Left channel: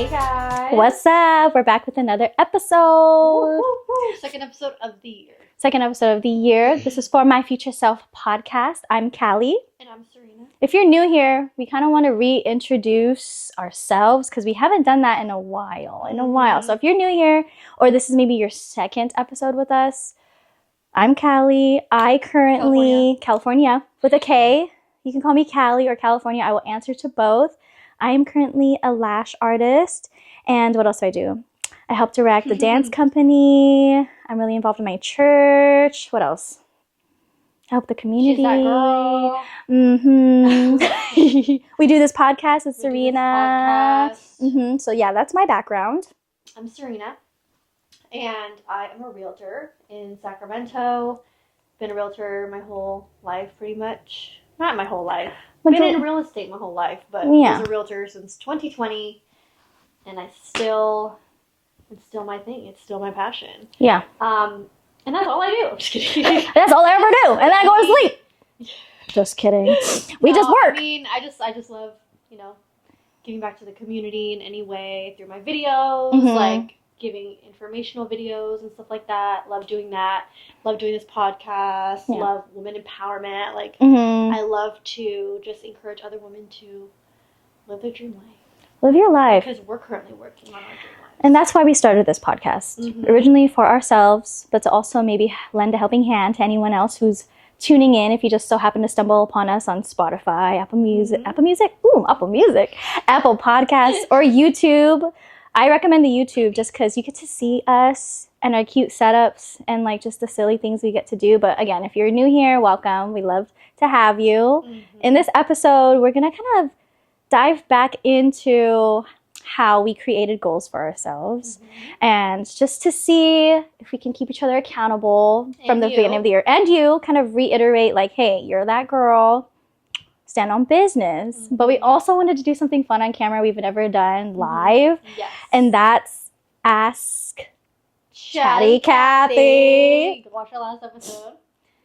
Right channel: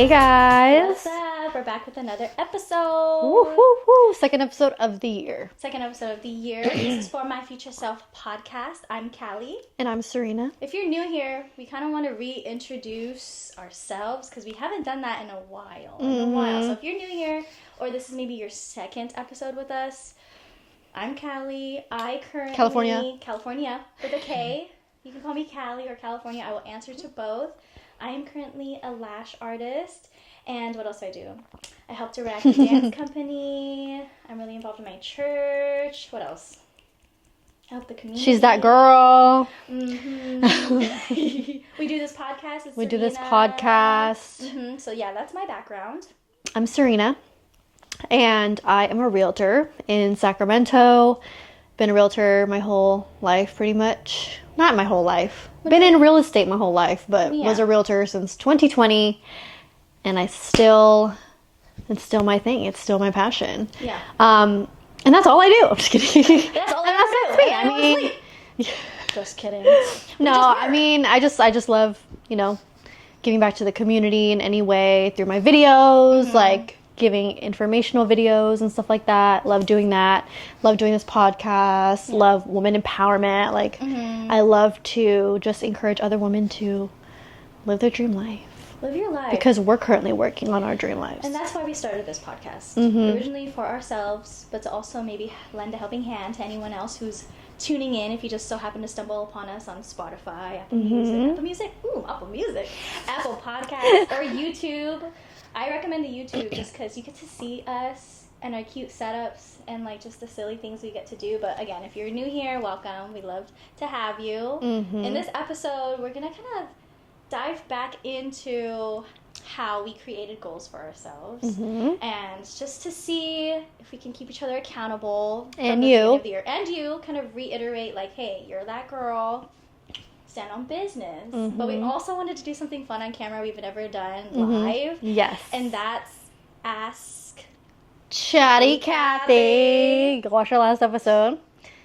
Hey guys. What's up? We're back with another episode. Woo, woo, woo. Second episode of the year. This is For My Future Self podcast. I'm Callie. And I'm Serina. If you're new here, we kind of want to reintroduce ourselves because we haven't done that in a while. So if you're new here, or this is maybe your second episode with us, I'm Callie. I currently... California with a K. You can call me Callie or California. I will answer to both. I am currently a lash artist. And what else do I do? I help direct the dance company. I'm really involved in my church. What else? I help the community. She's that girl. Mm-hmm. We do this podcast with Serina. So yeah, that's my background. I'm Serina. And I am a realtor in Sacramento. Been a realtor my whole life, pretty much. Not my whole life. Been in real estate my whole life, but was a realtor since 2020. And it's still my thing. It's still my passion. Yeah. And that's all I do. I'm just kidding. That's all I ever do. And then I go to sleep. Just kidding. We just work. I mean, I just love, giving back to the community in any way through my videos, like giving informational videos and stuff like that. Love doing that. Love doing this podcast. Love woman empowerment. Like, I love to just encourage other women to live their dream life. Live your life. Because we're currently working on our dream lives. And that's why we started this podcast. Originally for ourselves, but to also maybe lend a helping hand to anyone else who's tuning in. If you just so happen to stumble upon us on Spotify, Apple Music, Apple Podcasts, or YouTube. I recommend the YouTube just because you get to see us and our cute setups and like just the silly things we get to do. But again, if you're new here, welcome. We love to have you. In this episode, we're going to kind of dive back into how we created goals for ourselves and just to see if we can keep each other accountable from the beginning of the year. And you kind of reiterate like, hey, you're that girl. Stand on business. But we also wanted to do something fun on camera we've never done live. Yes. And that's Ask Chatty Kathy. Watch our last episode.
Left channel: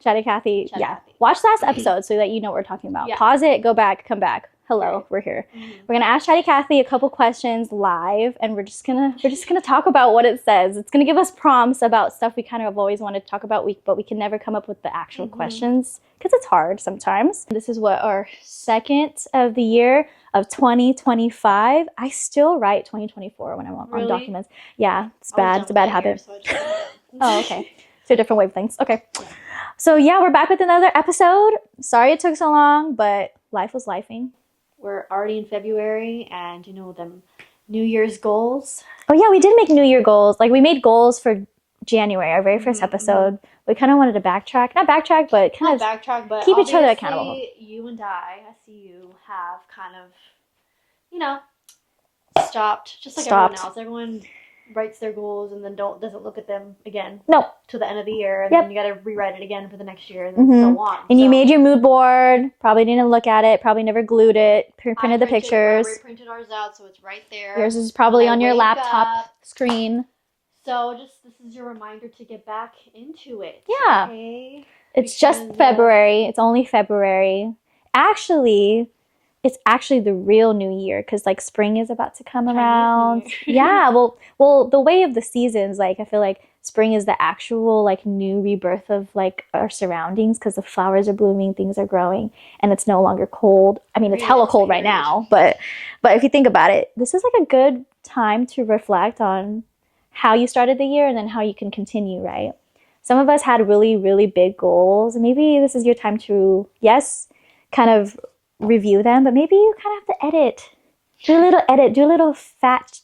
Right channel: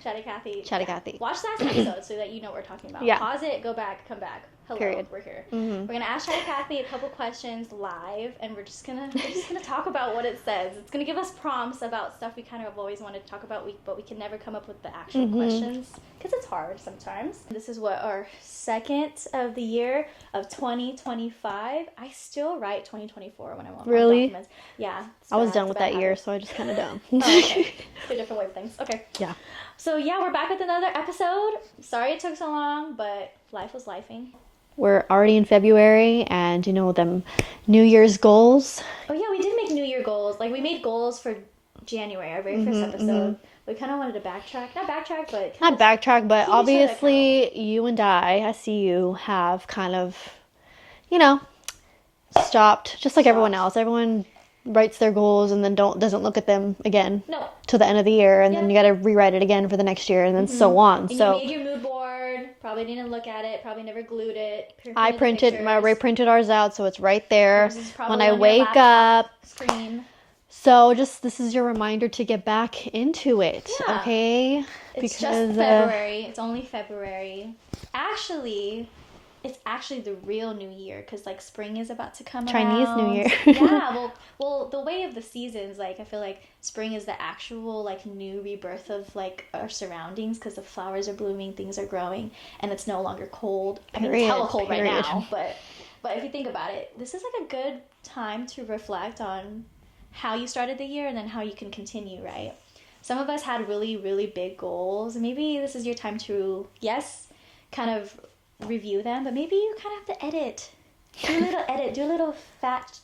Chatty Kathy. Kathy. Watch last episode so that you know what we're talking about. Pause it, go back, come back. Hello, we're here. We're gonna ask Chatty Kathy a couple questions live, and we're just gonna talk about what it says. It's gonna give us prompts about stuff we kind of always wanted to talk about, but we can never come up with the actual questions because it's hard sometimes. This is what our second of the year of 2025. I still write 2024 when I'm on documents. Yeah, it's bad. It's a bad habit. So I just put it down. Oh, okay. Two different wavelengths. Okay. Yeah. So yeah, we're back with another episode. Sorry it took so long, but life was lifing. We're already in February, and them New Year's goals. Oh yeah, we did make New Year goals. Like we made goals for January, our very first episode. We kind of wanted to backtrack. Not backtrack, but keep each other accountable. You and I see you have kind of, stopped, just like everyone else. Everyone writes their goals and then doesn't look at them again. No. Till the end of the year, and then you got to rewrite it again for the next year, and then so on. And you made your mood board. Probably didn't look at it. Probably never glued it. Printed the pictures. I reprinted ours out, so it's right there. Yours is probably on your laptop screen. So this is your reminder to get back into it. Yeah. Okay. It's just February. It's only February. It's actually the real new year because like spring is about to come around. Chinese New Year. Yeah, well, the way of the seasons, like I feel like spring is the actual like new rebirth of like our surroundings because the flowers are blooming, things are growing, and it's no longer cold. I mean, it's hella cold right now, but if you think about it, this is like a good time to reflect on how you started the year and then how you can continue, right? Some of us had really, really big goals, and maybe this is your time to kind of review them, but maybe you kind of have to edit. Do a little fat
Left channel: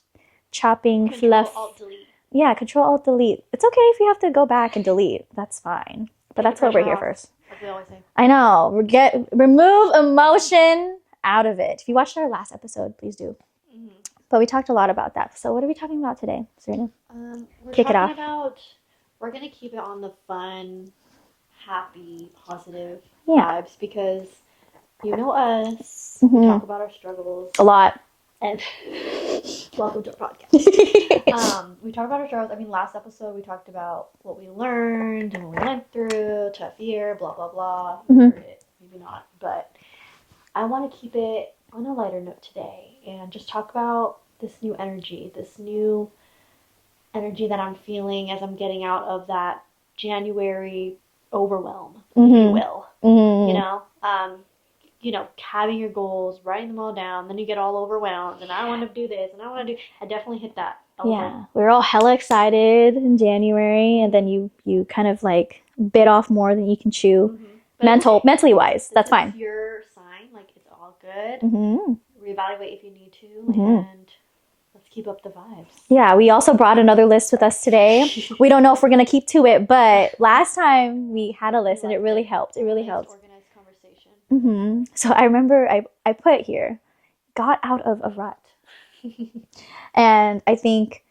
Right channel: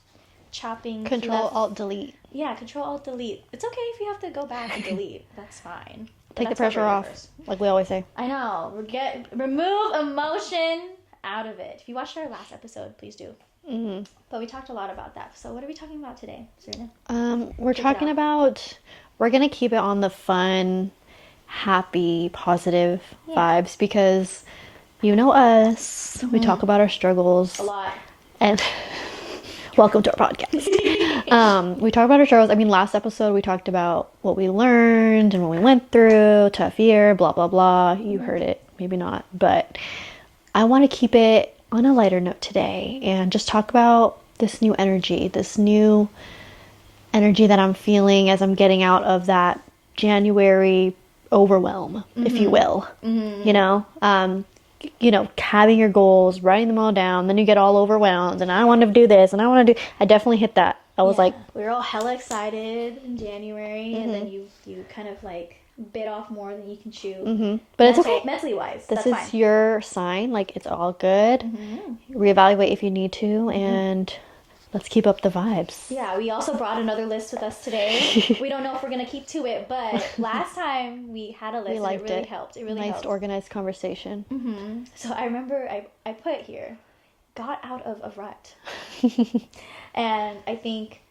chopping. Control-Alt-Delete. Yeah, Control-Alt-Delete. It's okay if you have to go back and delete. That's fine. But that's what we're here first. Like we always say. I know. Remove emotion out of it. If you watched our last episode, please do. But we talked a lot about that. So what are we talking about today, Serena? We're going to keep it on the fun, happy, positive vibes because you know us. We talk about our struggles a lot. And welcome to our podcast. We talk about our struggles. I mean, last episode we talked about what we learned and what we went through, tough year, blah, blah, blah. You heard it. Maybe not. But I want to keep it on a lighter note today and just talk about this new energy, that I'm feeling as I'm getting out of that January overwhelm, if you will. You know, having your goals, writing them all down, then you get all overwhelmed, and I want to do this, and I definitely hit that. I was like, we were all hella excited in January, and then you kind of like bit off more than you can chew. But mentally wise, that's fine. This is your sign. Like, it's all good. Reevaluate if you need to, and let's keep up the vibes. Yeah, we also brought another list with us today. We don't know if we're going to keep to it, but last time we had a list and it really helped. It really helped. Organized conversation. So I remember I put here, got out of a rut. And I think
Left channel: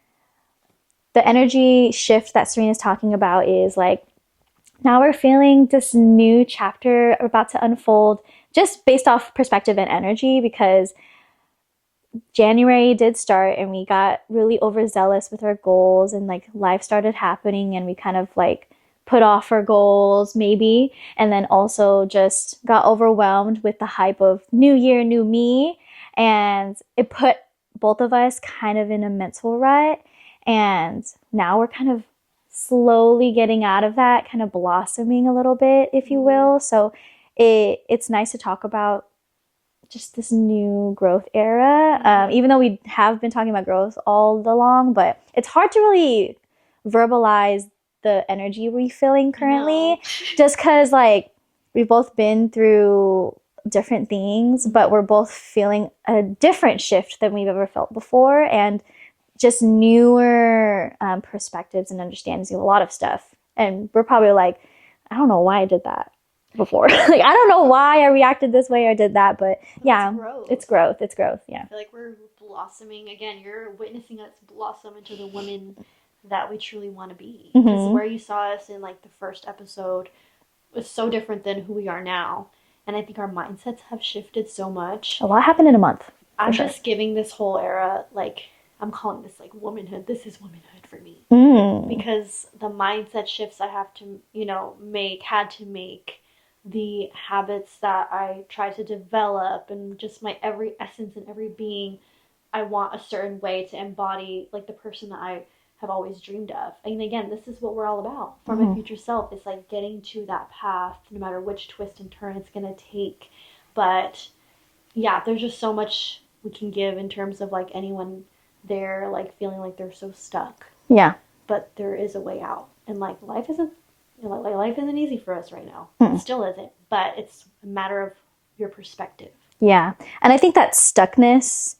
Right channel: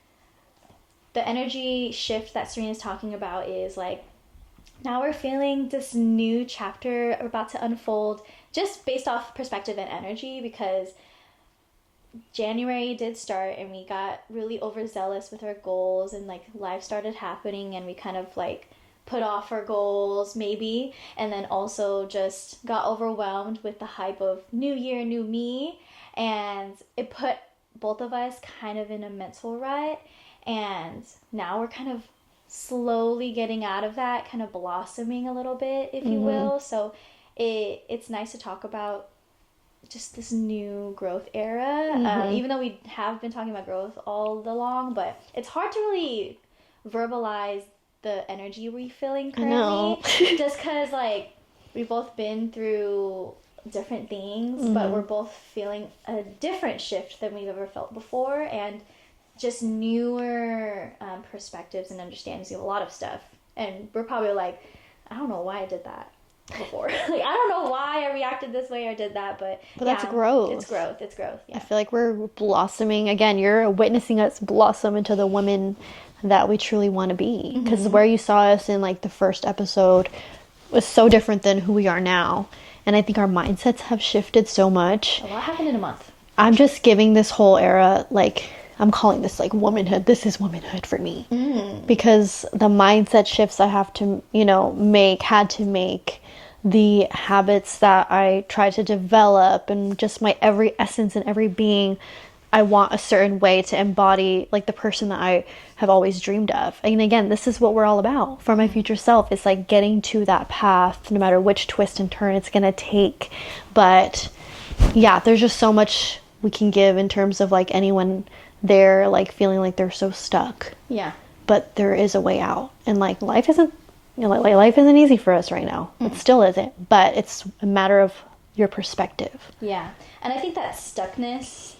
the energy shift that Serina's talking about is like, now we're feeling this new chapter about to unfold just based off perspective and energy, because January did start and we got really overzealous with our goals, and like life started happening and we kind of like put off our goals maybe, and then also just got overwhelmed with the hype of new year, new me, and it put both of us kind of in a mental rut. And now we're kind of slowly getting out of that, kind of blossoming a little bit, if you will. So it's nice to talk about just this new growth era, even though we have been talking about growth all along, but it's hard to really verbalize the energy we're feeling currently, just because like we've both been through different things, but we're both feeling a different shift than we've ever felt before, and just newer perspectives and understandings of a lot of stuff. And we're probably like, I don't know why I did that before. Like, I don't know why I reacted this way or did that, but yeah, it's growth. It's growth. Yeah. I feel like we're blossoming again. You're witnessing us blossom into the women that we truly want to be, because where you saw us in like the first episode was so different than who we are now, and I think our mindsets have shifted so much. A lot happened in a month. I'm just giving this whole era, like, I'm calling this like womanhood. This is womanhood for me, because the mindset shifts I have to, had to make, the habits that I try to develop, and just my every essence and every being, I want a certain way to embody like the person that I have always dreamed of. And again, this is what we're all about for my future self. It's like getting to that path, no matter which twist and turn it's going to take. But yeah, there's just so much we can give in terms of like anyone there like feeling like they're so stuck. Yeah. But there is a way out. And like life isn't life isn't easy for us right now. It still isn't. But it's a matter of your perspective. Yeah. And I think that stuckness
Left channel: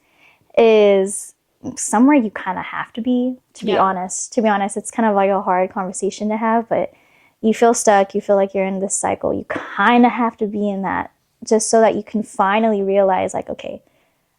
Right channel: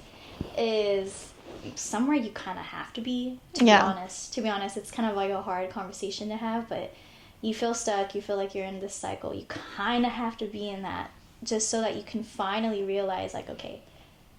is somewhere you kind of have to be, to be honest. To be honest, it's kind of like a hard conversation to have, but you feel stuck, you feel like you're in this cycle. You kind of have to be in that, just so that you can finally realize like, okay,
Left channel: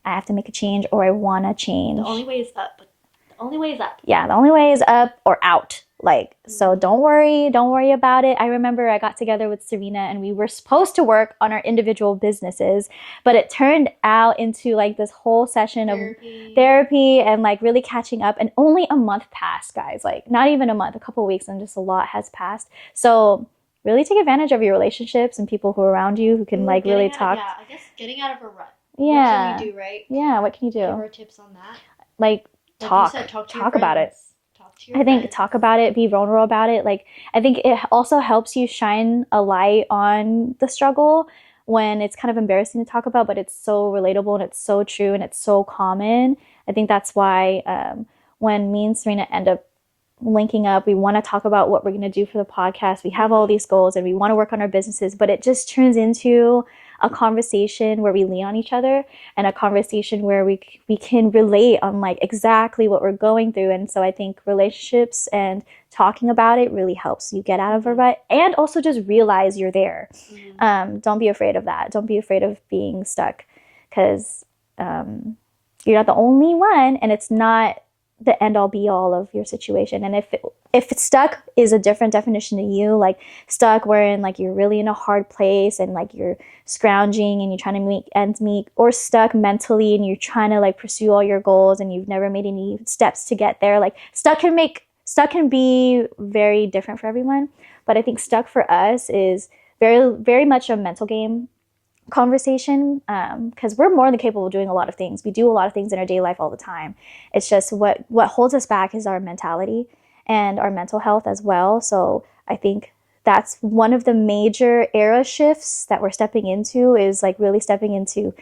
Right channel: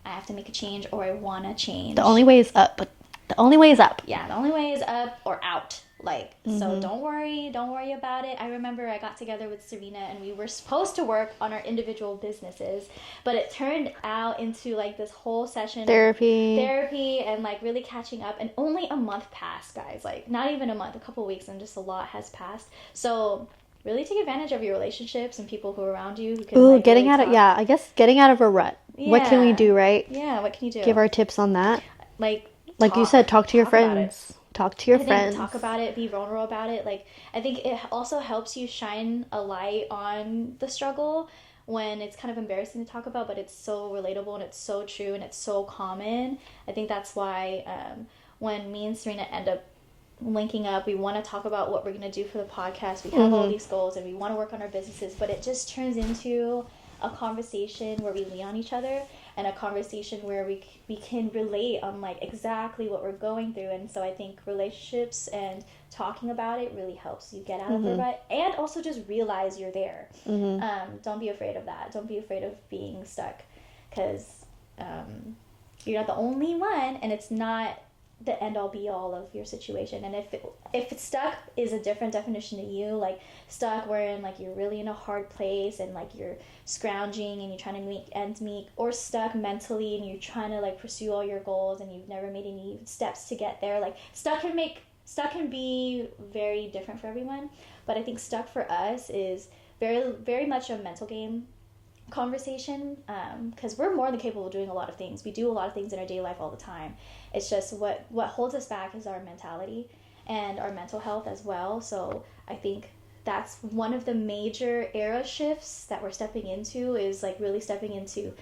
I have to make a change, or I want to change. The only way is up, but the only way is up. Yeah, the only way is up or out. Like, so don't worry about it. I remember I got together with Serina and we were supposed to work on our individual businesses, but it turned out into like this whole session of therapy and like really catching up. And only a month passed, guys. Like, not even a month, a couple of weeks, and just a lot has passed. So really take advantage of your relationships and people who are around you who can like really talk. I guess getting out of a rut. Yeah. What can we do, right? Yeah, what can you do? Give our tips on that. Like you said, talk to your friends. About it. Talk to your friends. I think talk about it, be vulnerable about it. Like, I think it also helps you shine a light on the struggle when it's kind of embarrassing to talk about, but it's so relatable and it's so true and it's so common. I think that's why when me and Serina end up linking up, we want to talk about what we're going to do for the podcast. We have all these goals and we want to work on our businesses, but it just turns into a conversation where we lean on each other, and a conversation where we can relate on like exactly what we're going through. And so I think relationships and talking about it really helps you get out of a rut, and also just realize you're there. Don't be afraid of that. Don't be afraid of being stuck, because you're not the only one, and it's not the end all be all of your situation. And if it's stuck is a different definition to you, like stuck wherein like you're really in a hard place and like you're scrounging and you're trying to make ends meet, or stuck mentally and you're trying to like pursue all your goals and you've never made any steps to get there. Like stuck can be very different for everyone, but I think stuck for us is very, very much a mental game. conversation, because we're more than capable of doing a lot of things. We do a lot of things in our daily life all the time. It's just what holds us back is our mentality and our mental health as well. So I think that's one of the major era shifts that we're stepping into, is like really stepping into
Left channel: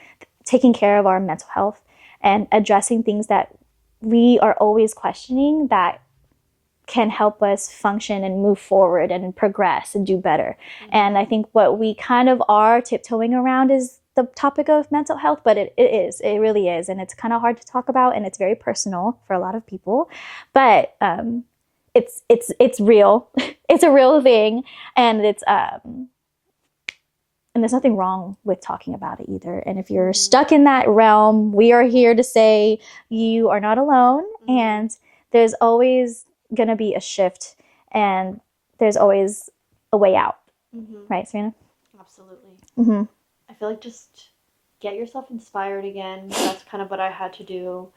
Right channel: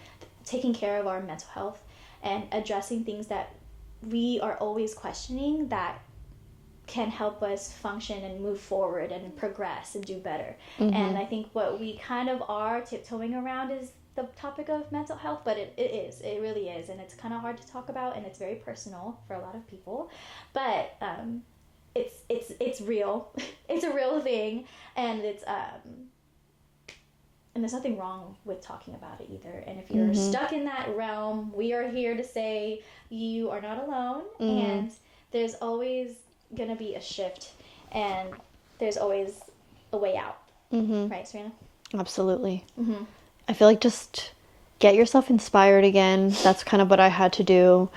taking care of our mental health and addressing things that we are always questioning that can help us function and move forward and progress and do better. And I think what we kind of are tiptoeing around is the topic of mental health, but it really is. And it's kind of hard to talk about, and it's very personal for a lot of people, but it's real. It's a real thing, and it's and there's nothing wrong with talking about it either. And if you're stuck in that realm, we are here to say you are not alone, and there's always gonna be a shift, and there's always a way out. Right, Serena? Absolutely. I feel like just get yourself inspired again. That's kind of what I had to do.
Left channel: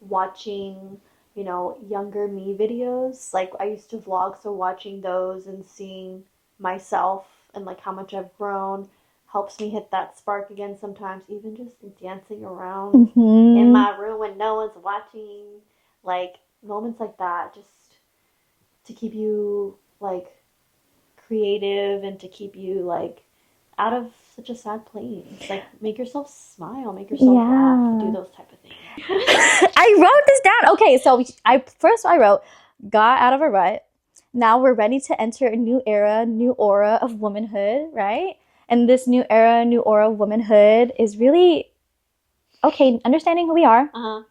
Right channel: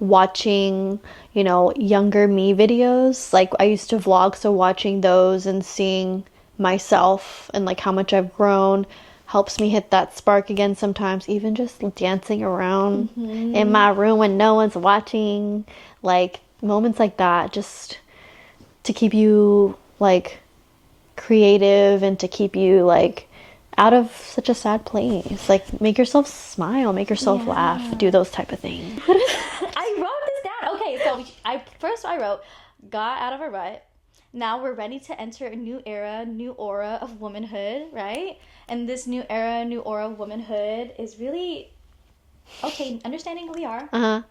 Watching, you know, younger me videos. Like, I used to vlog, so watching those and seeing myself and like how much I've grown helps me hit that spark again sometimes. Even just dancing around in my room when no one's watching, like moments like that, just to keep you like creative and to keep you like out of such a sad place. Like, make yourself smile, make yourself laugh, do those type of things. I wrote this down. Okay, so I wrote, got out of a rut. Now we're ready to enter a new era, new aura of womanhood, right? And this new era, new aura of womanhood is really, okay, understanding who we are,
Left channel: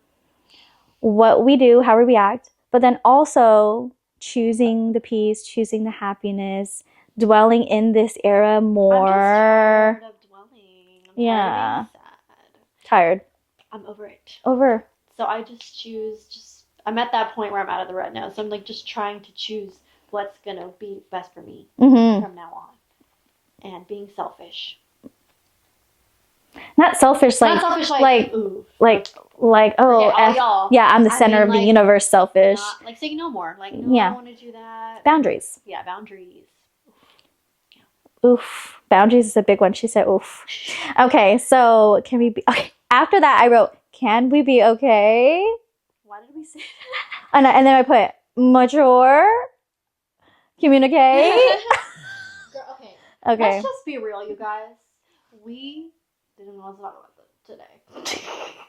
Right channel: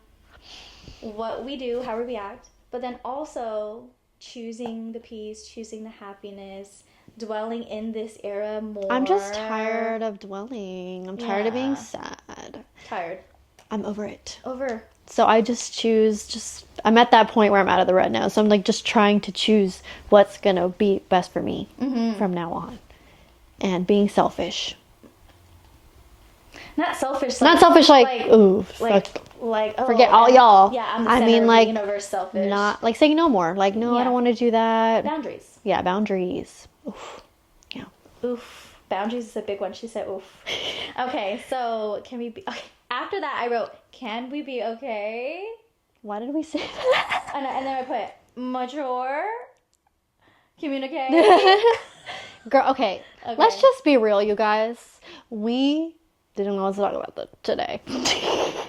what we do, how we react, but then also choosing the peace, choosing the happiness, dwelling in this era more. I'm just tired of dwelling. I'm tired of being sad. Tired. I'm over it. Over. So I just choose, I'm at that point where I'm out of the rut now. So I'm like just trying to choose what's going to be best for me from now on. And being selfish. Not selfish, ooh. Like, oh, forget all y'all. Yeah, I'm the center of the universe, selfish. Not, like, say no more. Like, no, I don't want to do that. Boundaries. Yeah, boundaries. Oof. Yeah. Oof. Boundaries is a big one. She said, oof. Okay, so can we be... Okay. After that, I wrote, can we be okay? Why did we say that? And then I put, mature, communicate. Girl, okay. Let's just be real, you guys. We didn't want to talk about that today.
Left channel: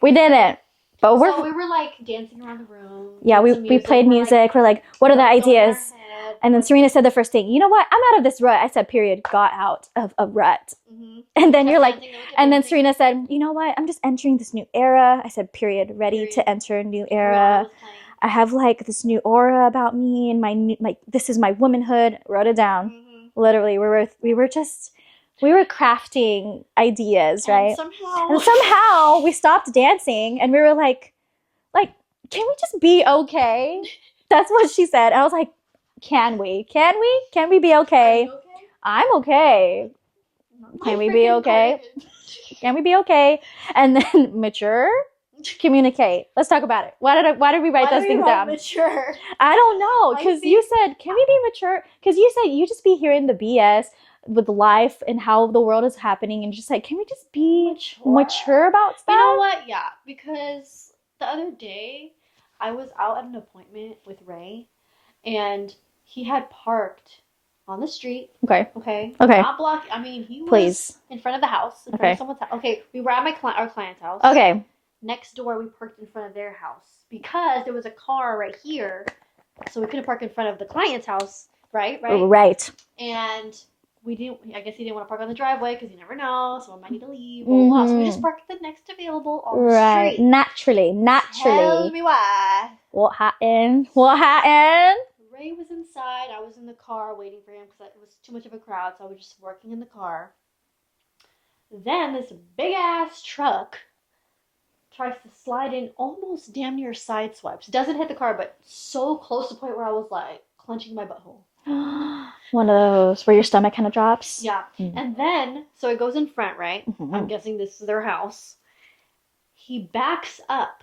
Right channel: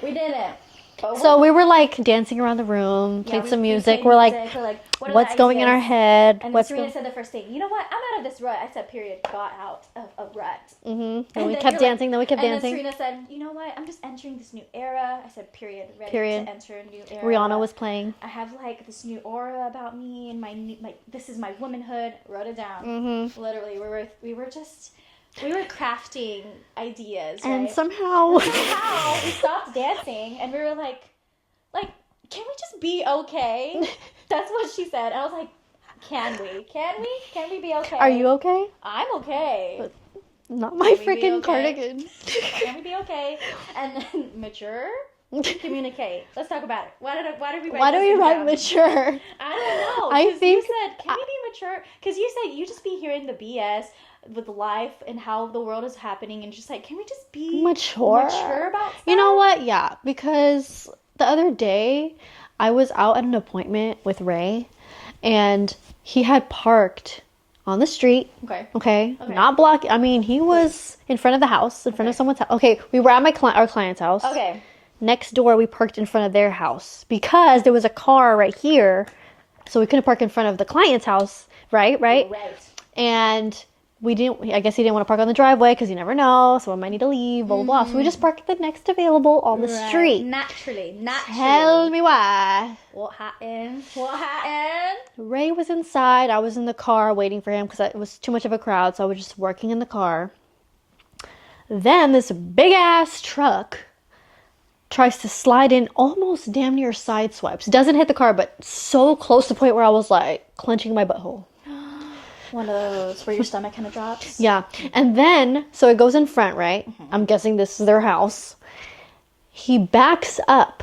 We didn't. But so we were like dancing around the room. Yeah, we played music. We're like, what are the ideas? Going in our head? And then Serena said the first thing, you know what? I'm out of this rut. I said, period, got out of a rut. And then you're like, and then Serena said, you know what? I'm just entering this new era. I said, period, ready to enter a new era. Rihanna was playing. I have like this new aura about me and my this is my womanhood. Wrote it down. Literally, we were crafting ideas, right? And somehow we stopped dancing, and we were like, can we just be okay? That's what she said. I was like, can we be okay? Are you okay? I'm okay. Not my freaking cardigan. Can we be okay? And then mature, communicate. Let's talk about it. Why did we write those things down? Mature? I don't know. Because you said, can we be mature? Because you said you just be hearing the BS with life and how the world is happening, and just like, can we just be mature about stuff? You know what? Yeah, because the other day I was out at an appointment with Ray, and he had parked on the street. Okay. Not block. I mean, he was in front of the house, in front of someone's house. Okay, we were at our client's house. Okay. Next door, we parked in front of their house because there was a car right here, so we couldn't park in front of the client's house. Right. And I guess he didn't want to park on the driveway because you never know, someone might need to leave, blah, blah, blah. So we just parked the next available on the street. Naturally. Tell me why. What happened? Ray was inside. I was in the car waiting for him because it was too much of a crowd, so I was just working in the car. Then this big-ass truck tries to slide in, almost damn near side swipes. Doesn't hit the car, but so close to the point where I was like clenching my butthole. One of those where your stomach kind of drops. Yeah. And then, so it goes in front, right? I'm guessing this is their house. He backs up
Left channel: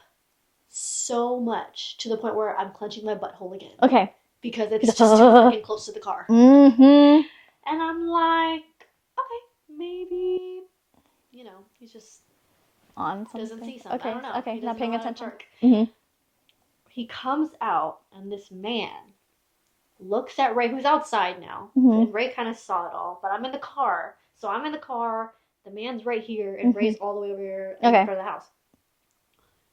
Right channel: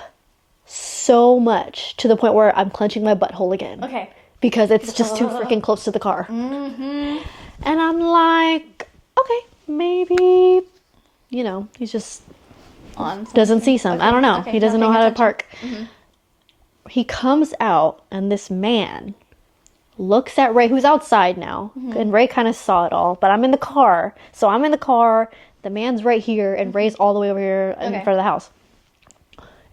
so much to the point where I'm clenching my butthole again. Okay. Because it's just too freaking close to the car. And I'm like, okay, maybe you know, he's just On doesn't see some. Okay, I don't know. okay, He doesn't not know how paying to park. He comes out, and this man looks at Ray, who's outside now. And Ray kind of saw it all, but I'm in the car. So I'm in the car. The man's right here, and Ray's all the way over here in front of the house.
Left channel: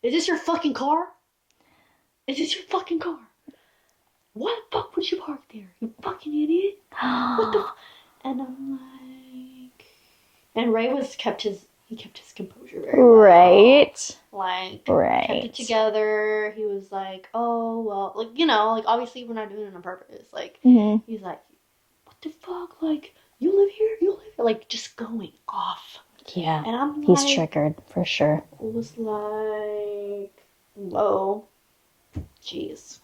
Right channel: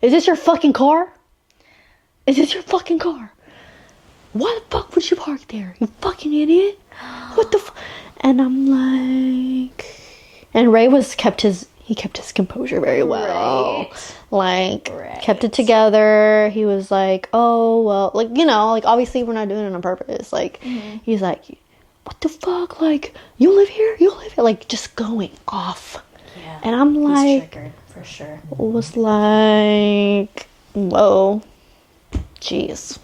Is this your fucking car? Is this your fucking car? Why the fuck would you park there? You fucking idiot. What the And I'm like... And Ray kept his composure very well. Right. Like, kept it together. He was like, oh, well, like, you know, like, obviously we're not doing it on purpose. Like, he's like, what the fuck? Like, you live here? Like, just going off. Yeah. And I'm like... He's triggered, for sure. Was like, whoa. Jeez.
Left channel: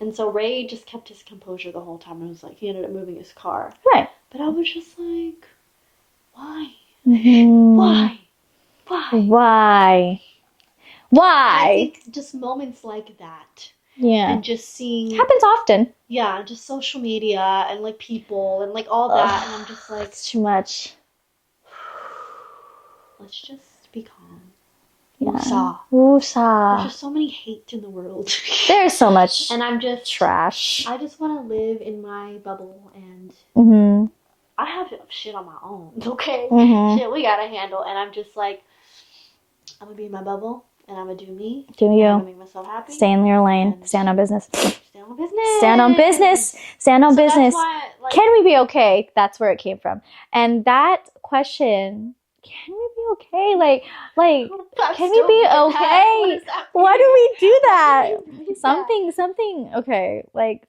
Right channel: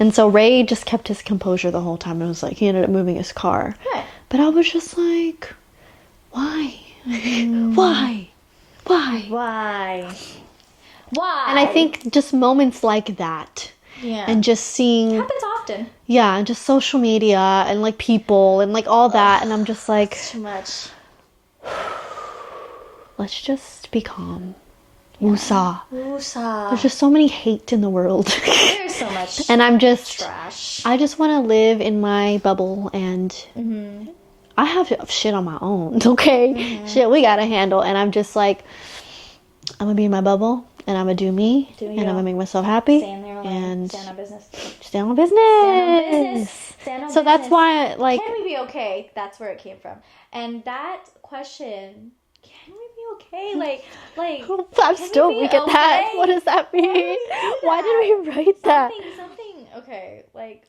And so Ray just kept his composure the whole time. It was like, he ended up moving his car. Right. But I was just like, why? Why? Why? And I think just moments like that. Yeah. And just seeing... Happens often. Yeah, and just social media and like people and like all that. And I'm just like... It's too much. Let's just be calm. Yeah. Woosah. Woosah. There's just so many hate in the world. There's so much. And I'm just... trash. I just want to live in my bubble and... I have shit on my own, okay? Shit we gotta handle. And I'm just like... I'm gonna be in my bubble. And I'm gonna do me. Do you. And I'm gonna make myself happy. Stay in your lane. Stand on business. Stand on business. Stand on business. Stand on business. That's why, like... Can we be okay? That's where it came from. And that question... Can we be okay? Like, can we be okay? That. What does that mean? Why do we do that? Why do we write that? Something. Okay, like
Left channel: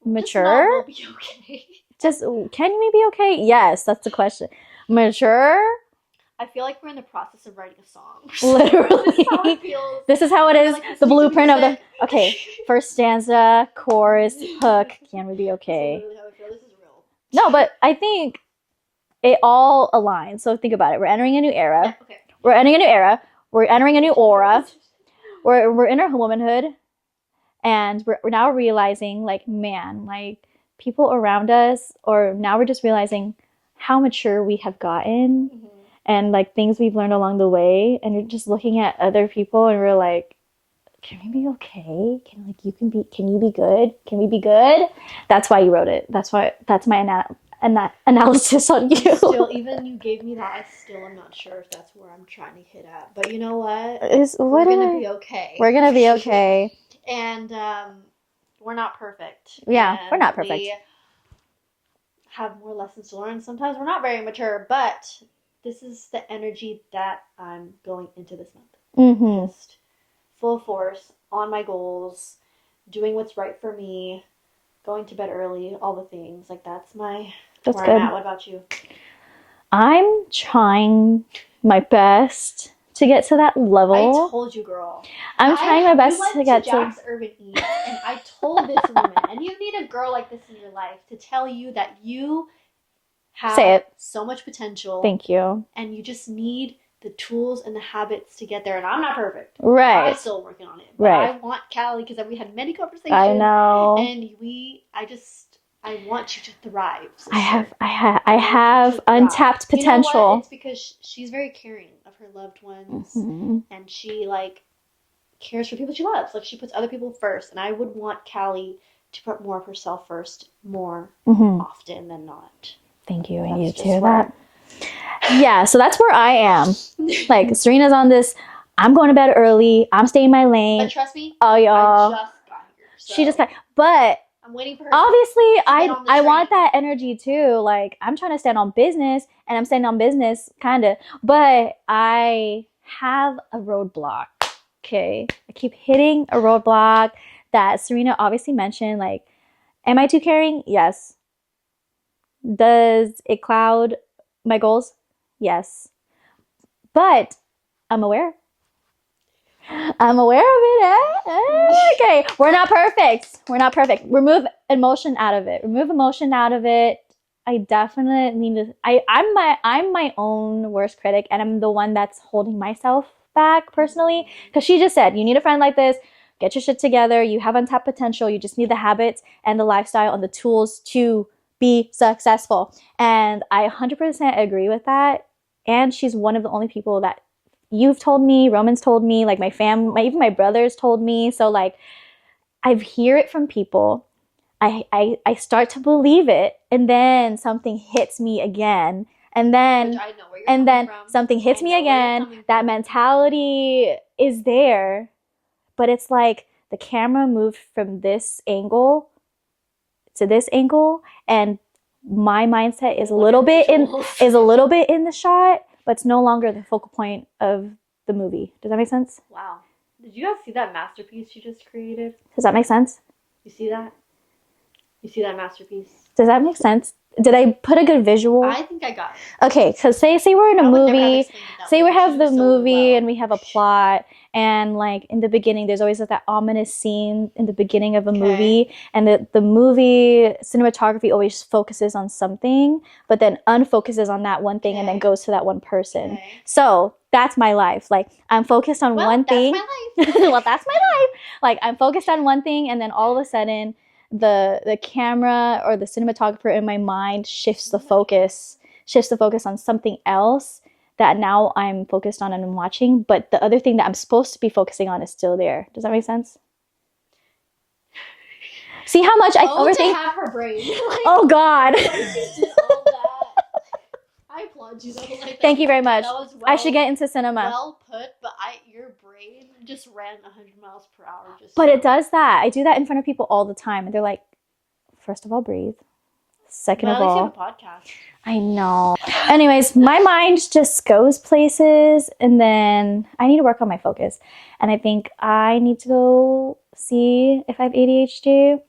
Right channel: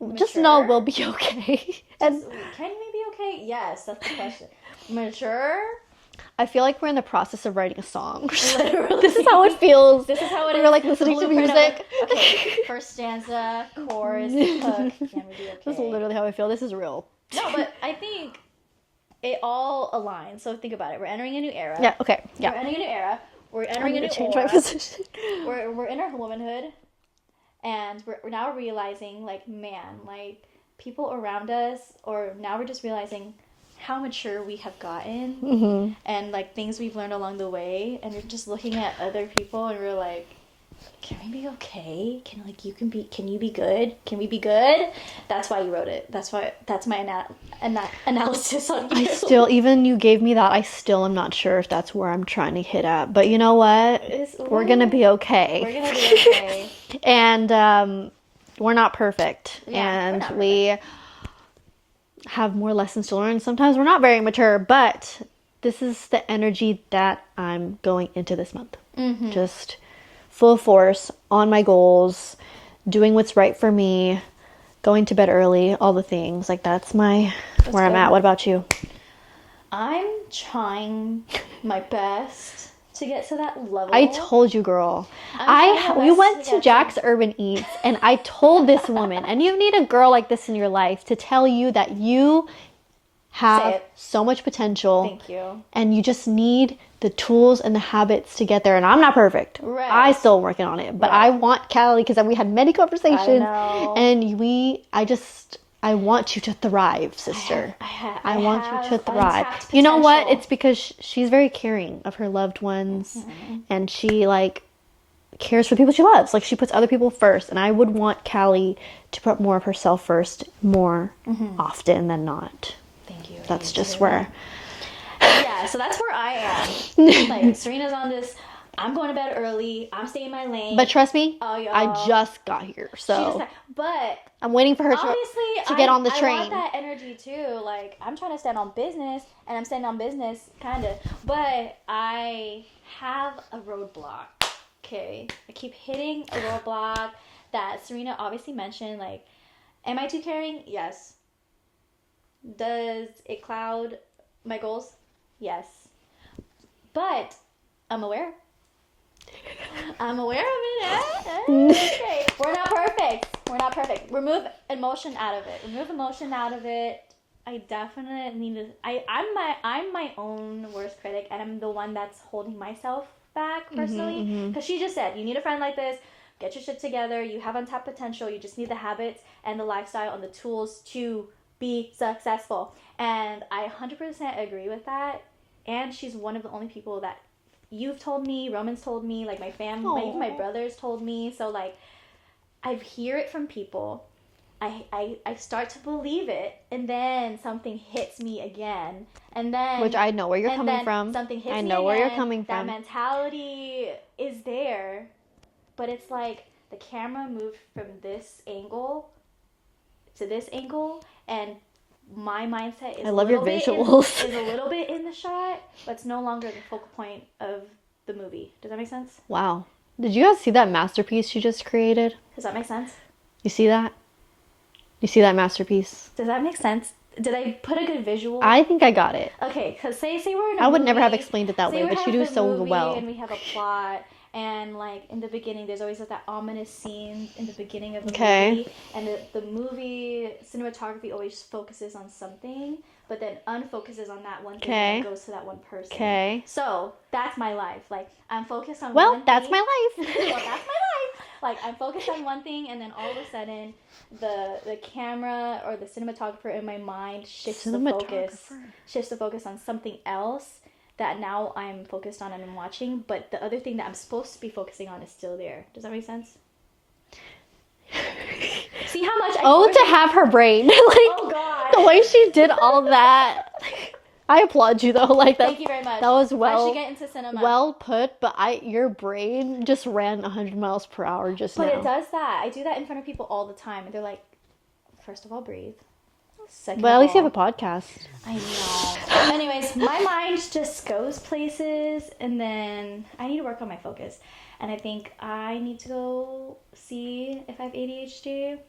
mature. Just know we'll be okay. Can we be okay? Yes, that's the question. Mature. I feel like we're in the process of writing a song. Literally, this is how it feels. This is how it is. Like the blueprint of the. Okay, first stanza, chorus, hook. Can we be okay? This is literally how I feel. This is real. No, but I think it all aligns. So think about it. We're entering a new era. Yeah, okay. Yeah. We're entering a new era. We're entering a new aura. We're in our womanhood. And we're now realizing, like, man, like, people around us, or now we're just realizing how mature we have gotten and, like, things we've learned along the way. And we're just looking at other people and we're like, can we be okay? Can you be good? Can we be good? That's why you wrote it. That's my analysis on you. Even you gave me that, I still am not sure if that's where I'm trying to hit at. But you know what? We're going to be okay. We're going to be okay. And we're not perfect. Yeah, and we're not perfect. We have more lessons to learn. Sometimes we're not very mature, but this is the energy that I'm going into this month. Just full force on my goals, doing what's right for me, going to bed early, all the things. Like, that's where I'm at. What about you? I'm trying my best to get to that level. I told you, girl. I'm trying my best. We went to Jack's Urban Eats, and I told this woman, and you need a girl like this in your life to tell you that you have so much potential. Thank you. And you just need the tools and the habits to get there. And I'm not perfect. Right. I'm still working on it. But I want Callie, because we had many conversations. I know. And I want you to thrive, sister. I have untapped potential. You know what? It's because she's very caring of her loved ones. And she, like, cares for the people she loves. Like, she puts other people first. And I would want Callie to put more of herself first more often than not. Thank you. That's just where... Yeah, so that's where I am. Like, Serina's on this, I'm going to bed early, I'm staying in my lane. But trust me, y'all, I just got here. So she just got, but I'm waiting for her obviously to get on the train. I want that energy too. Like, I'm trying to stand on business, and I'm standing on business, kind of. But I have a roadblock, okay? I keep hitting a roadblock that Serina obviously mentioned. Like, am I too caring? Yes. Does it cloud my goals? Yes. But I'm aware. I'm aware of it. Okay. We're not perfect. Remove emotion out of it. I definitely need to... I'm my own worst critic, and I'm the one that's holding myself back personally. Because she just said, you need a friend like this. Get your shit together. You have untapped potential. You just need the habits and the lifestyle and the tools to be successful. And I 100% agree with that. and she's one of the only people that you've told me, Roman's told me, like my family, even my brothers told me. So like I hear it from people. I start to believe it, and then something hits me again, and then which I know where you're coming from. Something hits me again. That mentality is there, but it's like the camera moved from this angle to this angle, and my mindset is a little bit in the shot, but it's no longer the focal point of the movie. Does that make sense? Wow. Did you guys see that masterpiece she just created? Does that make sense? You see that? You see that masterpiece? Does that make sense? Did I put a good visual? I think I got it. Okay, because say we're in a movie. I would never have explained it that way. Say we have the movie and we have a plot, and like in the beginning, there's always like that ominous scene in the beginning of a movie, and the movie cinematography always focuses on something, but then unfocuses on that one thing and then goes to that one person. Okay. So that's my life. Like I'm focused on one thing. That's my life. Well, that's my life. Like I'm focused on one thing, and then all of a sudden, the camera or the cinematographer in my mind shifts the focus on something else that now I'm focused on and I'm watching, but the other thing that I'm supposed to be focusing on is still there. Does that make sense? See how much to have her brain. Like, oh God. The way she did all that. I applaud you though. Like that. Thank you very much. That was I should get into cinema. Well put, but your brain just ran 100 miles per hour just But now. it does that. I do that in front of people all the time, and they're like, first of all, breathe. Second of all, at least you have a podcast. I know. Anyways, my mind just goes places, and then I need to work on my focus. And I think I need to go see if I have ADHD.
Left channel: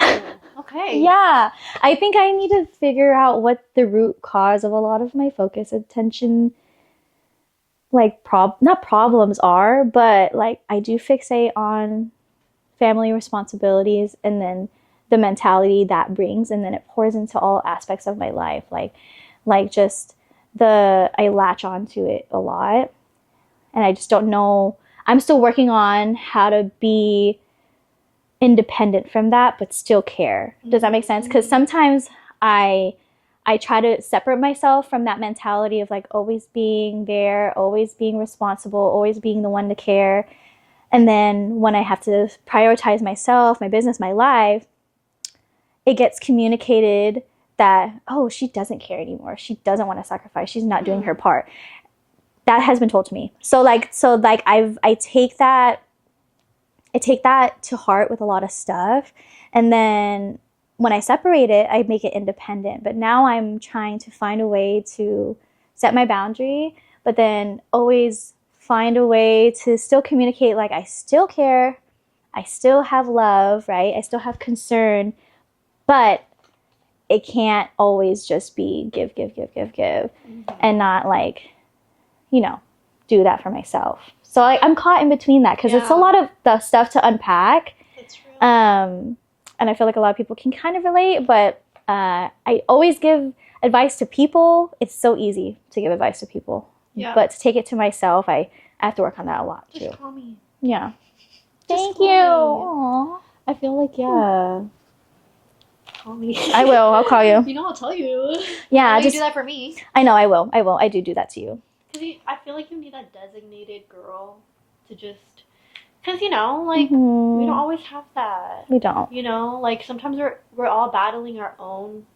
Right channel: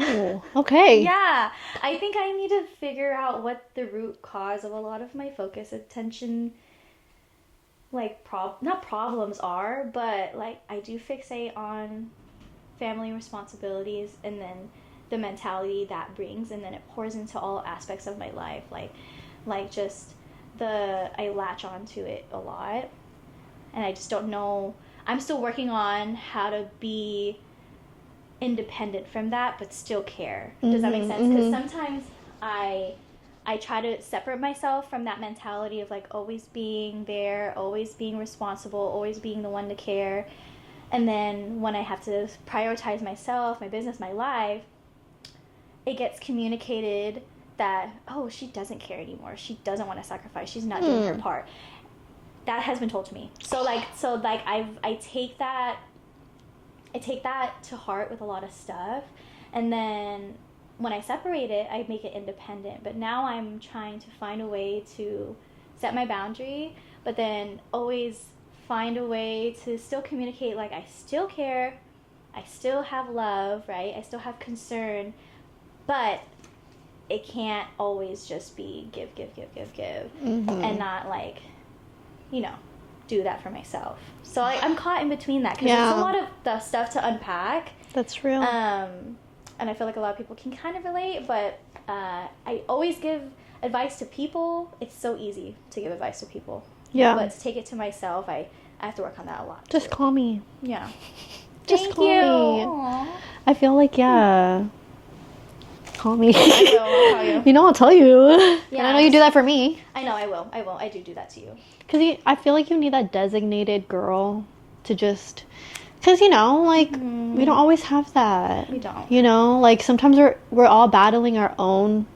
Oh, okay. Yeah. I think I need to figure out what the root cause of a lot of my focus, attention, like not problems are, but like I do fixate on family responsibilities and then the mentality that brings, and then it pours into all aspects of my life. Like just I latch onto it a lot, and I just don't know. I'm still working on how to be independent from that, but still care. Does that make sense? Because sometimes I try to separate myself from that mentality of like always being there, always being responsible, always being the one to care. And then when I have to prioritize myself, my business, my life, it gets communicated that, oh, she doesn't care anymore. She doesn't want to sacrifice. She's not doing her part. That has been told to me. So I take that to heart with a lot of stuff. And then when I separate it, I make it independent. But now I'm trying to find a way to set my boundary, but then always find a way to still communicate, like I still care, I still have love, right? I still have concern, but it can't always just be give, and not like, do that for myself. So I'm caught in between that because it's a lot of the stuff to unpack. That's real. And I feel like a lot of people can kind of relate, but I always give advice to people. It's so easy to give advice to people. Yeah. But to take it to myself, I have to work on that a lot. Just call me. Yeah. Just call me. Aww. I feel like, call me. I will. I'll call you. I'll tell you. Yeah. You do that for me. I know. I will. I do that to you. Because I feel like you need that designated girl to just... Because, we don't always have that. We don't. Like sometimes we're all battling our own,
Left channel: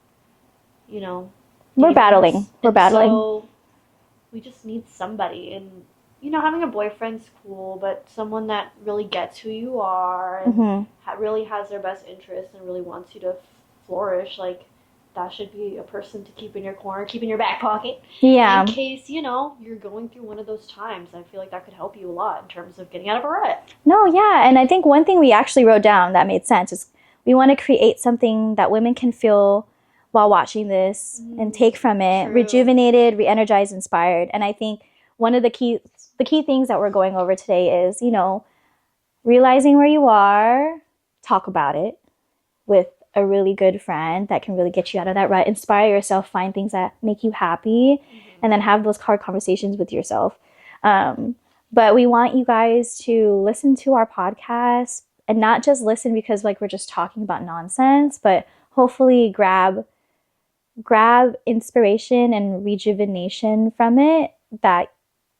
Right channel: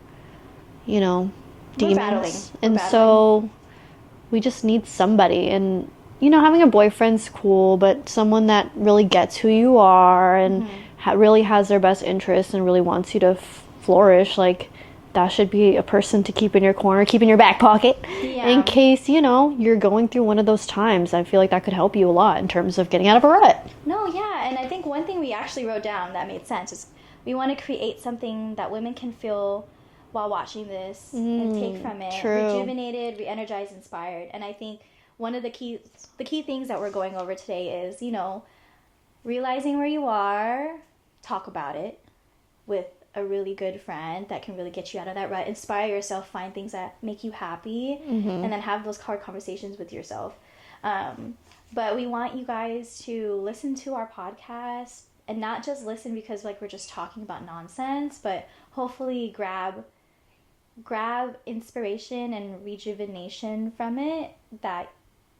demons. We're battling. So we just need somebody. And, having a boyfriend's cool, but someone that really gets who you are and really has their best interests and really wants you to flourish, like... That should be a person to keep in your corner, keep in your back pocket. Yeah. In case, you're going through one of those times. I feel like that could help you a lot in terms of getting out of a rut. No, yeah. And I think one thing we actually wrote down that made sense is we want to create something that women can feel while watching this and take from it. True. Rejuvenated, re-energized, inspired. And I think one of the key things that we're going over today is, realizing where you are, talk about it with a really good friend that can really get you out of that rut, inspire yourself, find things that make you happy, and then have those hard conversations with yourself. But we want you guys to listen to our podcast and not just listen because like we're just talking about nonsense, but hopefully grab grab inspiration and rejuvenation from it, that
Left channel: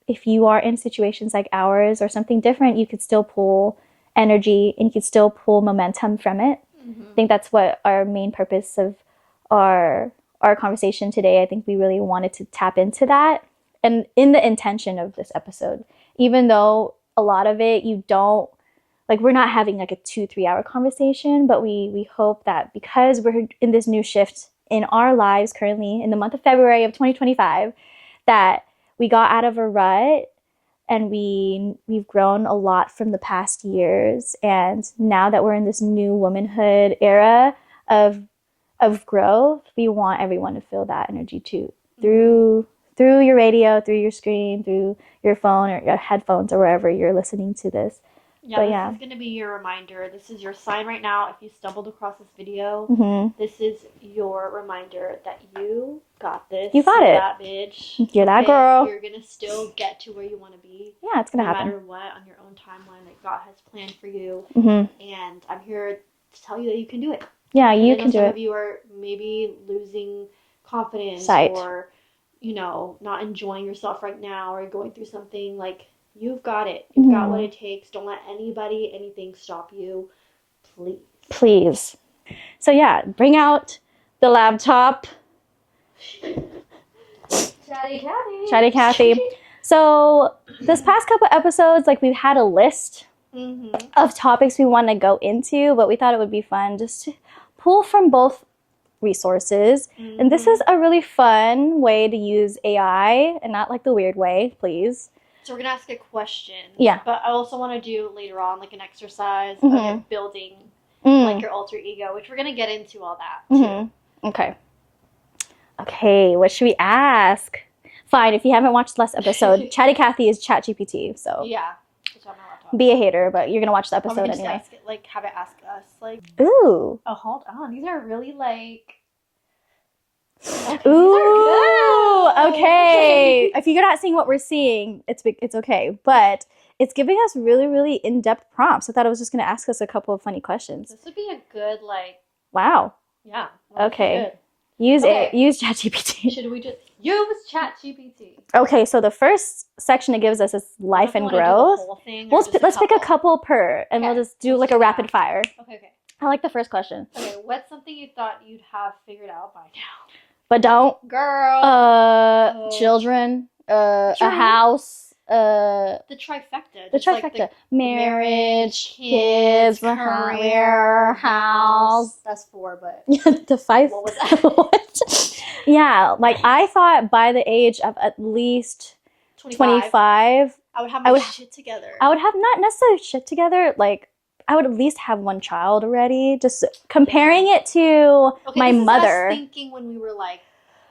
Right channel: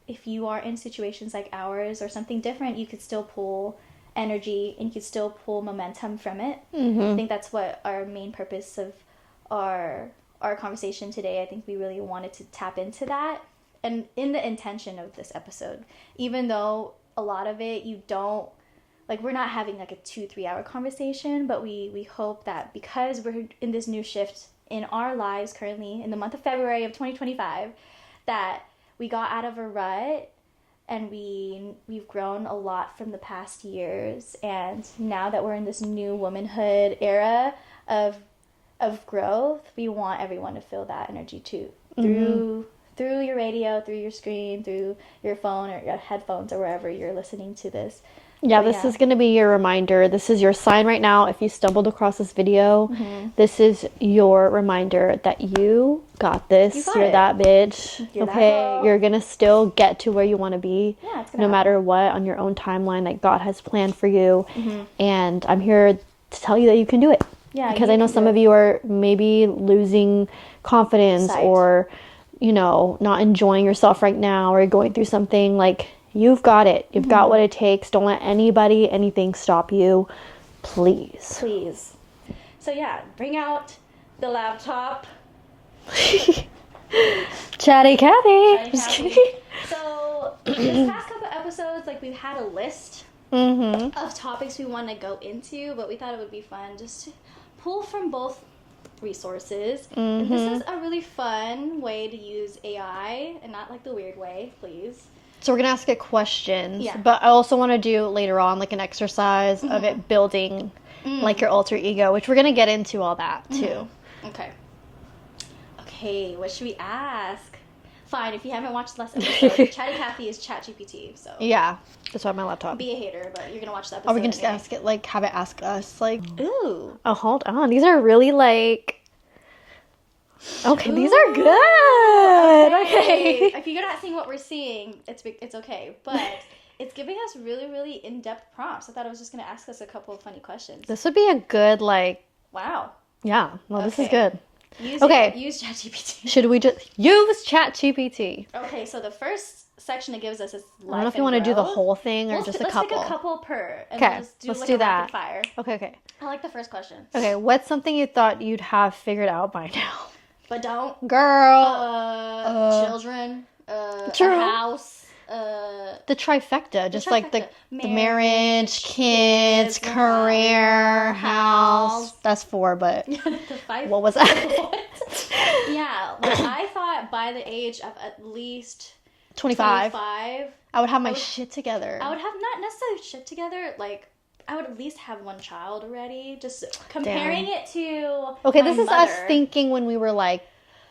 if you are in situations like ours or something different, you could still pull energy and you could still pull momentum from it. I think that's what our main purpose of our conversation today. I think we really wanted to tap into that, and in the intention of this episode, even though a lot of it you don't like, we're not having like a 2-3 hour conversation, but we hope that because we're in this new shift in our lives currently in the month of February of 2025, that we got out of a rut and we've grown a lot from the past years. And now that we're in this new womanhood era of growth, we want everyone to feel that energy too, through your radio, through your screen, through your phone or your headphones or wherever you're listening to this. Yeah, this is going to be your reminder. This is your sign right now. If you stumbled across this video, this is your reminder that you got this. You got You're it. that bitch. You're that girl. You're going to still get to where you want to be. Yeah, it's going to no happen. matter what, on your own timeline that God has planned for you. And I'm here to tell you that you can do it. Yeah, because I know some of you are maybe losing confidence or, you know, not enjoying yourself right now, or going through something. Like, you've got it. You've got what it takes. Don't let anybody, anything stop you. Please. Please. So yeah, bring out the laptop. Chatty Kathy. Chatty Kathy. So this past couple episodes, like, we've had a list of topics we want to go into, but we thought it would be fun just to pull from both resources. And this is a really fun way to use AI, and not like the weird way, please. So we're going to ask it questions. Yeah. But I also want to do later on like an exercise of it building like your alter ego, which we're going to get into all that too. Okay, what should we ask? Fine, if you haven't watched the last episode, Chatty Kathy is ChatGPT, so Yeah. That's why my laptop. be a hater, but you're going to watch the episode Or we can just anyway. ask it, like, have it ask us, like, Ooh. oh, hold on. These are really, like, okay, Ooh. these are good. Okay. If you're not seeing what we're seeing, it's okay. But it's giving us really, really in-depth prompts. I thought it was just going to ask us a couple of funny questions. This would be a good, like, Wow. yeah. Well, this is good. Use Okay. it. Use ChatGPT. Should we just use ChatGPT? Okay, so the first section it gives us is life and want growth. to do the whole thing, or just Let's pick a couple per, and Okay, we'll just do let's like do a that. rapid fire. Okay. I like the first question. Okay, what's something you thought you'd have figured out by now? But don't. Girl. Children. A True. house. The trifecta. Just like the marriage, marriage, kids, career, house. That's 4, but the 5. what was that? Yeah, like I thought by the age of at least 25, I would have my shit together. I would have not necessarily shit together. Like, I would at least have one child already. Just comparing it to my this is mother. us thinking when we were like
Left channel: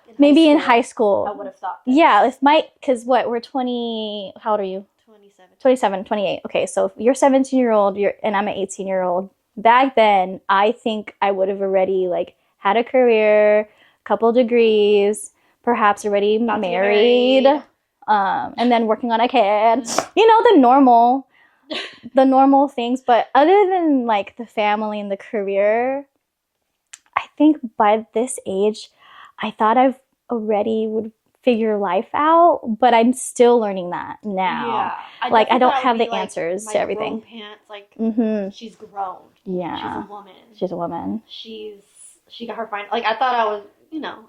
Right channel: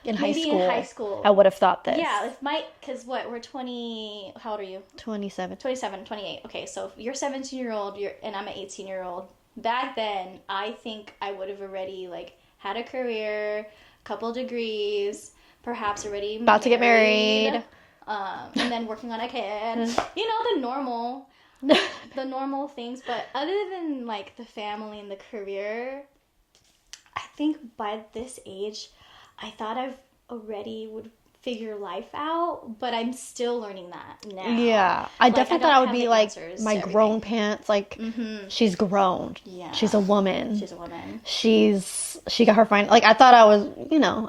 in high school. I would have thought this. Yeah, because we're 20, how old are you? 27. 27, 28. Okay, so if you're 17-year-old, and I'm an 18-year-old. Back then, I think I would have already like had a career, couple degrees, perhaps already About to get married. And then working on a kid. You know, the normal things. But other than like the family and the career, I think by this age, I thought I've already would figure life out, but I'm still learning that now. Yeah, I don't have the answers my to everything. grown pants, like she's grown. Yeah, she's a woman. She's a woman. She got her fine. Like I thought I was,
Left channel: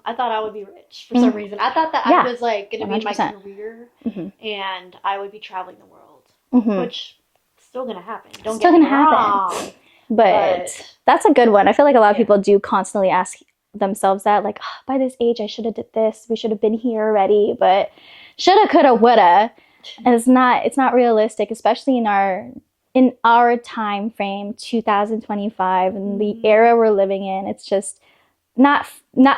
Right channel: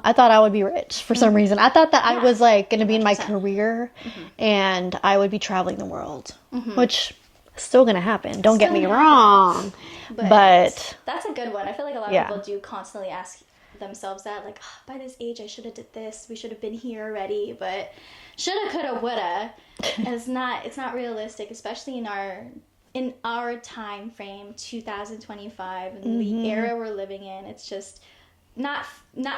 I thought I would be rich for some reason. I thought that I was like going to be in my 100%. career, and I would be traveling the world, which is still going to happen. Don't get me wrong. But that's a good one. I feel like a lot of people do constantly ask themselves that, like, oh, by this age I should have did this, we should have been here already, but shoulda, coulda, woulda. And it's not realistic, especially in our time frame, 2025, and the era we're living in. It's just not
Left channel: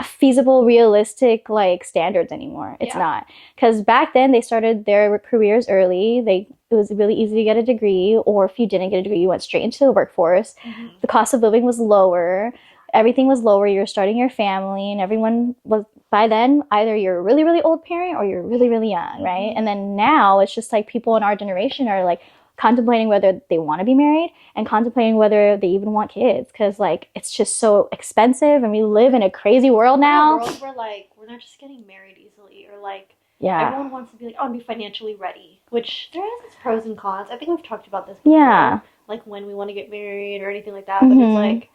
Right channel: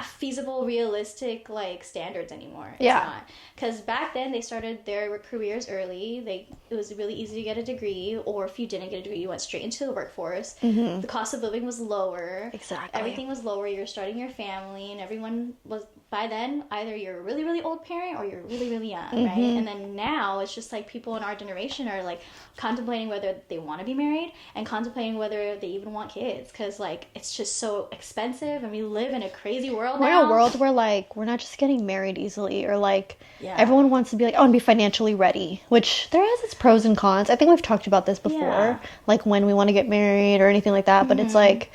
feasible, realistic like standards anymore. It's not, because back then they started their careers early. It was really easy to get a degree, or if you didn't get a degree, you went straight into the workforce. The cost of living was lower. Exactly. Everything was lower. You're starting your family, and everyone was, by then, either you're a really, really old parent or you're really, really young, right? And then now it's just like people in our generation are like contemplating whether they want to be married and contemplating whether they even want kids, because like it's just so expensive and we live in a crazy world now. We're in a world where like we're not just getting married easily, or like everyone wants to be like, oh, and be financially ready, which there has its pros and cons. I think we've talked about this before, like when we want to get married or anything like that, but it's like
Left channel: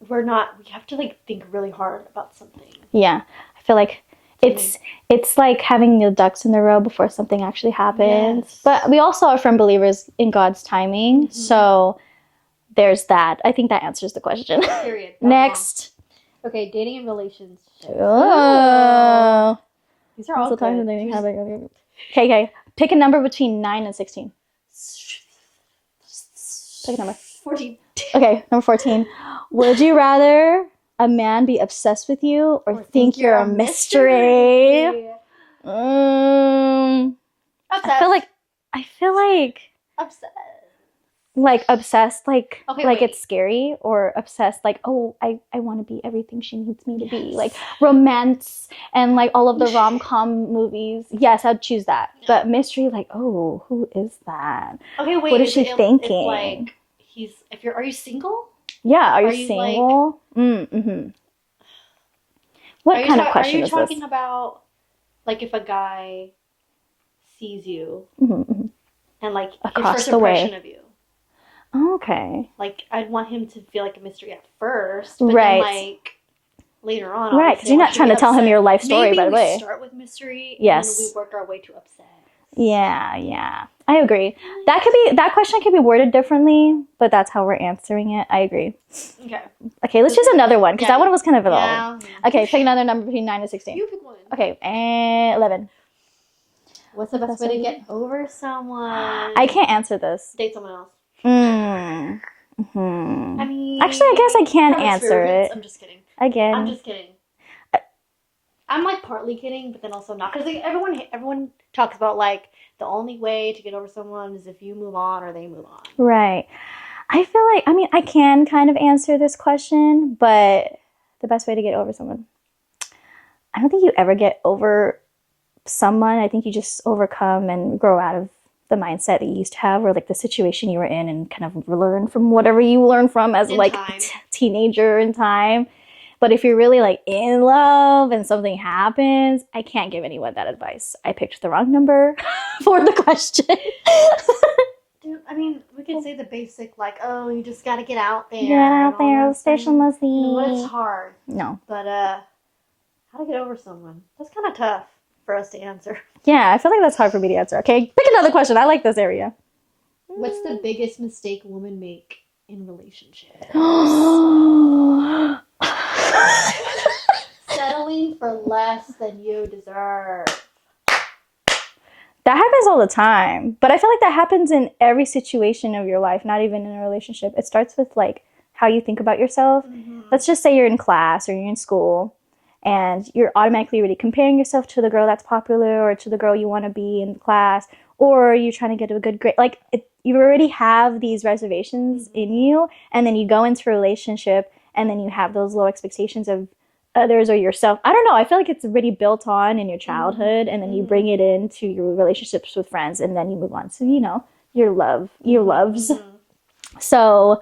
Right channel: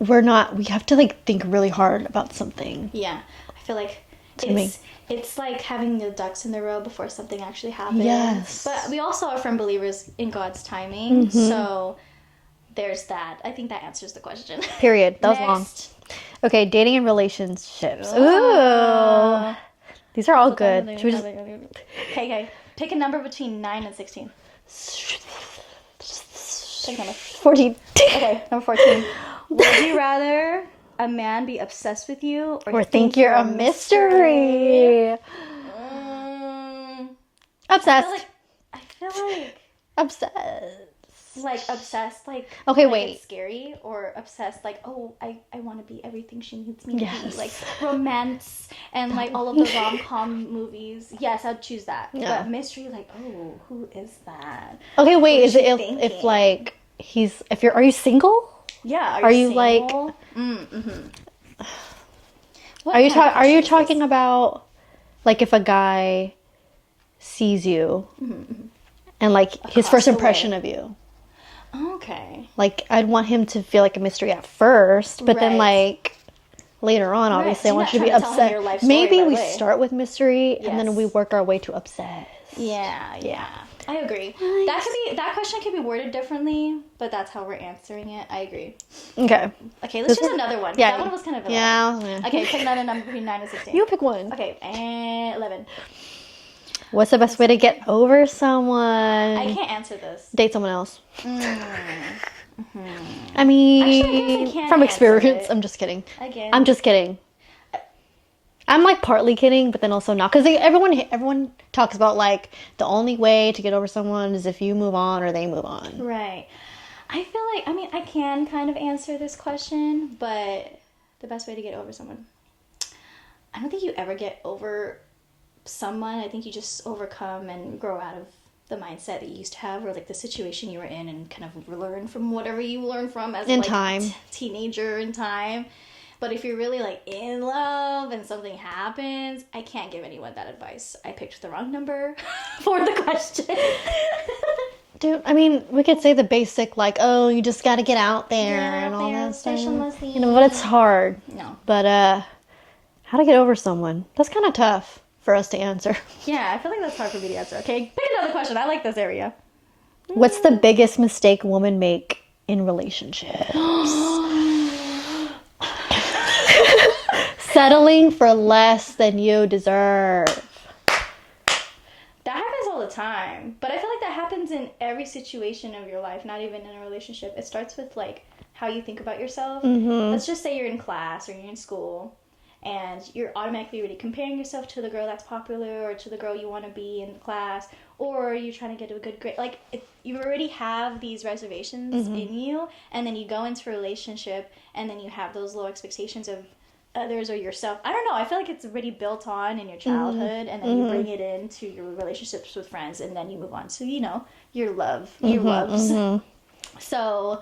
we have to like think really hard about something. I feel like it's like having the ducks in the row before something actually happens. But we also are firm believers in God's timing. So there's that. I think that answers the question. Period. Next. Okay, dating and relationships. Oh. These are all good. Okay. Pick a number between 9 and 16. Pick a number. 14. Okay, number 14. Would you rather a man be obsessed with you or think you're a mystery? Obsessed. I feel like obsessed. Like obsessed, like okay, like wait. It's scary, or obsessed, like, oh, I want to be everything she needs me to be, like romance and like all of the rom-com movies. Yes, I'd choose that. Yeah. But mystery, like, oh, who is that? Okay, wait. What is she thinking? If like are you single? Yeah, are you single? Like, what kind of question are you is talking this? about like if a guy sees you and like his first impression of you? Okay. Like I'd want him to feel like a mystery at first, but then like later on, obviously, you're not trying to tell him your life story right away. Maybe we start with mystery, and then we work our way to obsessed. Yeah, I agree. Nice. That question could be worded differently, but that's how we're answering it. I agree. Okay, let's choose another one, because that one was kind of long. Okay, pick another number between 9 and 16. You pick one. Okay, and 11. What's the best way to get over someone? I can't answer this. Date someone else. I mean, actually, I guess I can answer it. I'm just kidding. Again, I'm just kidding. I'm like partly kidding, but then also not, because everyone talks about like the only way to get over someone is if you move on or they move on. Right. I feel like, I mean, I can kind of answer this question, but the best way to get over someone, I don't think you ever get over someone. I think you just overcome and grow out of the mindset that you used to have, or like the situation you were in, and kind of learn from whatever you learned from as teenager in time. But if you're really like in love and something happens, I can't give anyone that advice. I picked the wrong number for the question. Dude, I mean, we could say the basic, like, oh, you just gotta get out there. Get out there, but it's hard. No. But how to get over someone? That's kind of tough for us to answer. Yeah, I feel like that's hard for me to answer. Okay, pick another question. I like this area. What's the biggest mistake women make in relationships? Settling for less than you deserve. That happens all the time. But I feel like that happens in every situation of your life, not even in a relationship. It starts with like how you think about yourself. Let's just say you're in class or you're in school, and you're automatically already comparing yourself to the girl that's popular or to the girl you want to be in class, or you're trying to get a good grade. Like, you already have these reservations in you, and then you go into a relationship, and then you have those low expectations of others or yourself. I don't know. I feel like it's already built on in your childhood, and then you bring it into your relationships with friends, and then you move on to, your loves. So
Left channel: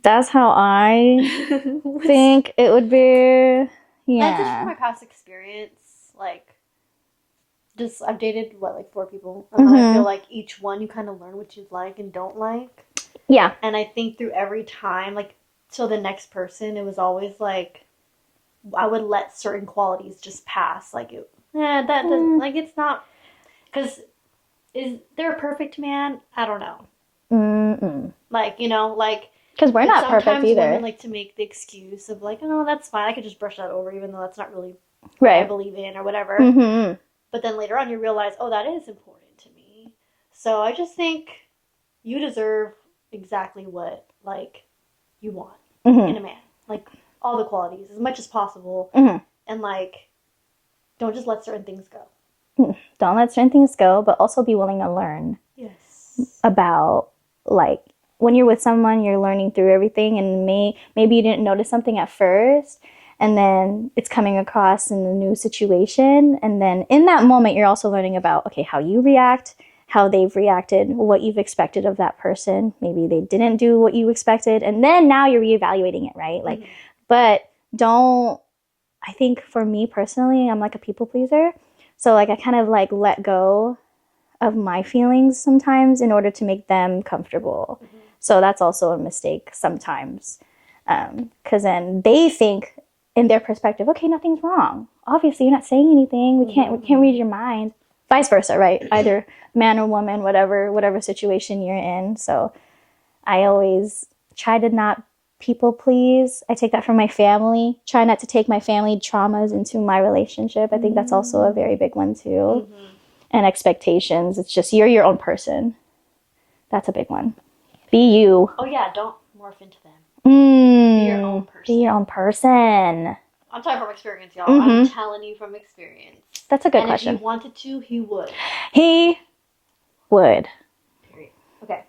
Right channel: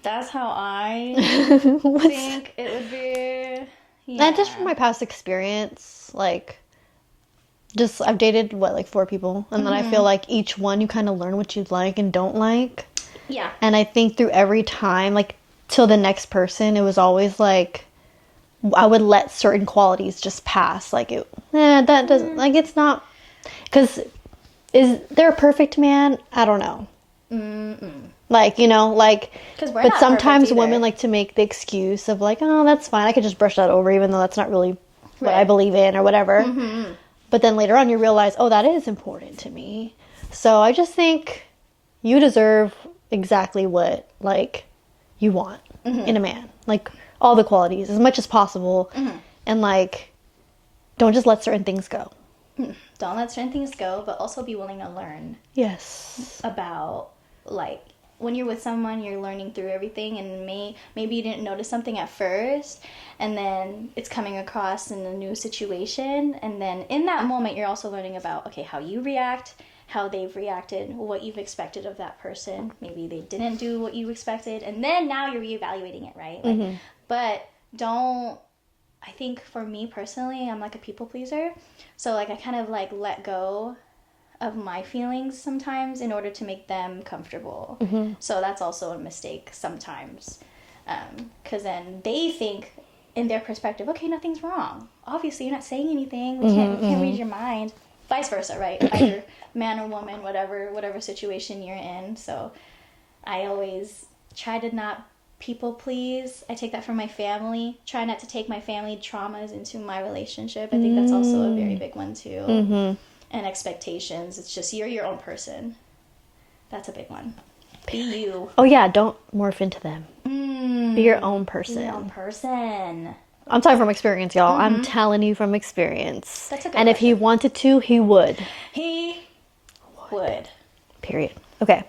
that's how I think it would be. Yeah. Not just from my past experience, like, just I've dated 4 people, and then I feel like each one you kind of learn what you like and don't like. Yeah. And I think through every time, like, till the next person, it was always like I would let certain qualities just pass. Like, that doesn't, like, it's not, because is there a perfect man? I don't know. Like, because we're not sometimes perfect women like to make the excuse of like, oh, that's fine, I could just brush that over, even though that's not really what I believe in or whatever. But then later on you realize, oh, that is important to me. So I just think you deserve exactly what, like, you want in a man. Like, all the qualities as much as possible. And, like, don't just let certain things go. Don't let certain things go, but also be willing to learn. Yes. About, like, when you're with someone, you're learning through everything, and maybe you didn't notice something at first, and then it's coming across in a new situation, and then in that moment, you're also learning about, okay, how you react, how they've reacted, what you've expected of that person. Maybe they didn't do what you expected, and then now you're reevaluating it, right? Like, but don't, I think for me personally, I'm like a people pleaser. So like I kind of like let go of my feelings sometimes in order to make them comfortable. So that's also a mistake sometimes. Because then they think in their perspective, okay, nothing's wrong. Obviously, you're not saying anything. We can't read your mind. Vice versa, right? Either man or woman, whatever situation you're in. So I always try to not people please. I take that from my family. Try not to take my family traumas into my relationship. I think that's also a very big one too. And expectations. It's just you're your own person. That's a big one. Be you. Oh yeah, don't morph into them. Be your own person. Be your own person. I'm talking from experience, y'all. I'm telling you from experience. That's a good question. And if he wanted to, he would. He would. Period. Okay.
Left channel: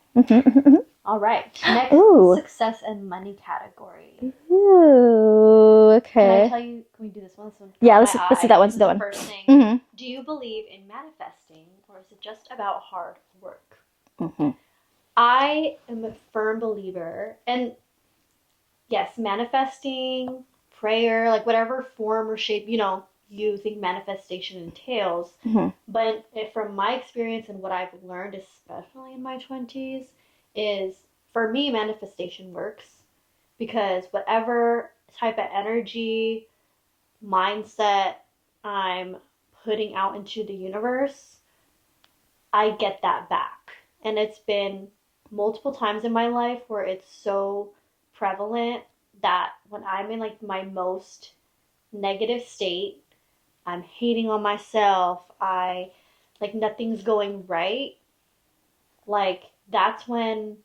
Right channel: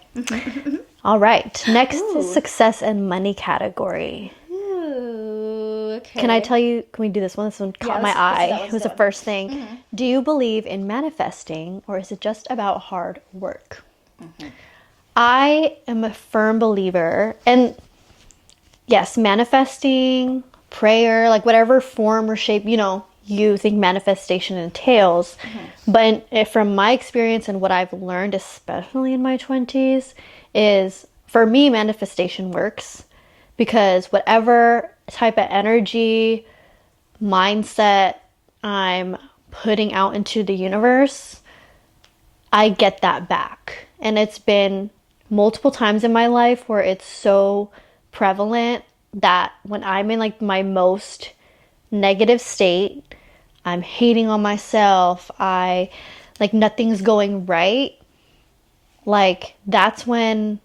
All right. Next, success and money category. Ooh, okay. Can I tell you, can we do this one? This one caught my eye. Let's do that one. It was the first thing. Do you believe in manifesting, or is it just about hard work? I am a firm believer, and yes, manifesting, prayer, like whatever form or shape, you think manifestation entails. But from my experience and what I've learned, especially in my 20s, is for me, manifestation works because whatever type of energy, mindset I'm putting out into the universe, I get that back. And it's been multiple times in my life where it's so prevalent that when I'm in like my most negative state, I'm hating on myself, I like nothing's going right, like that's when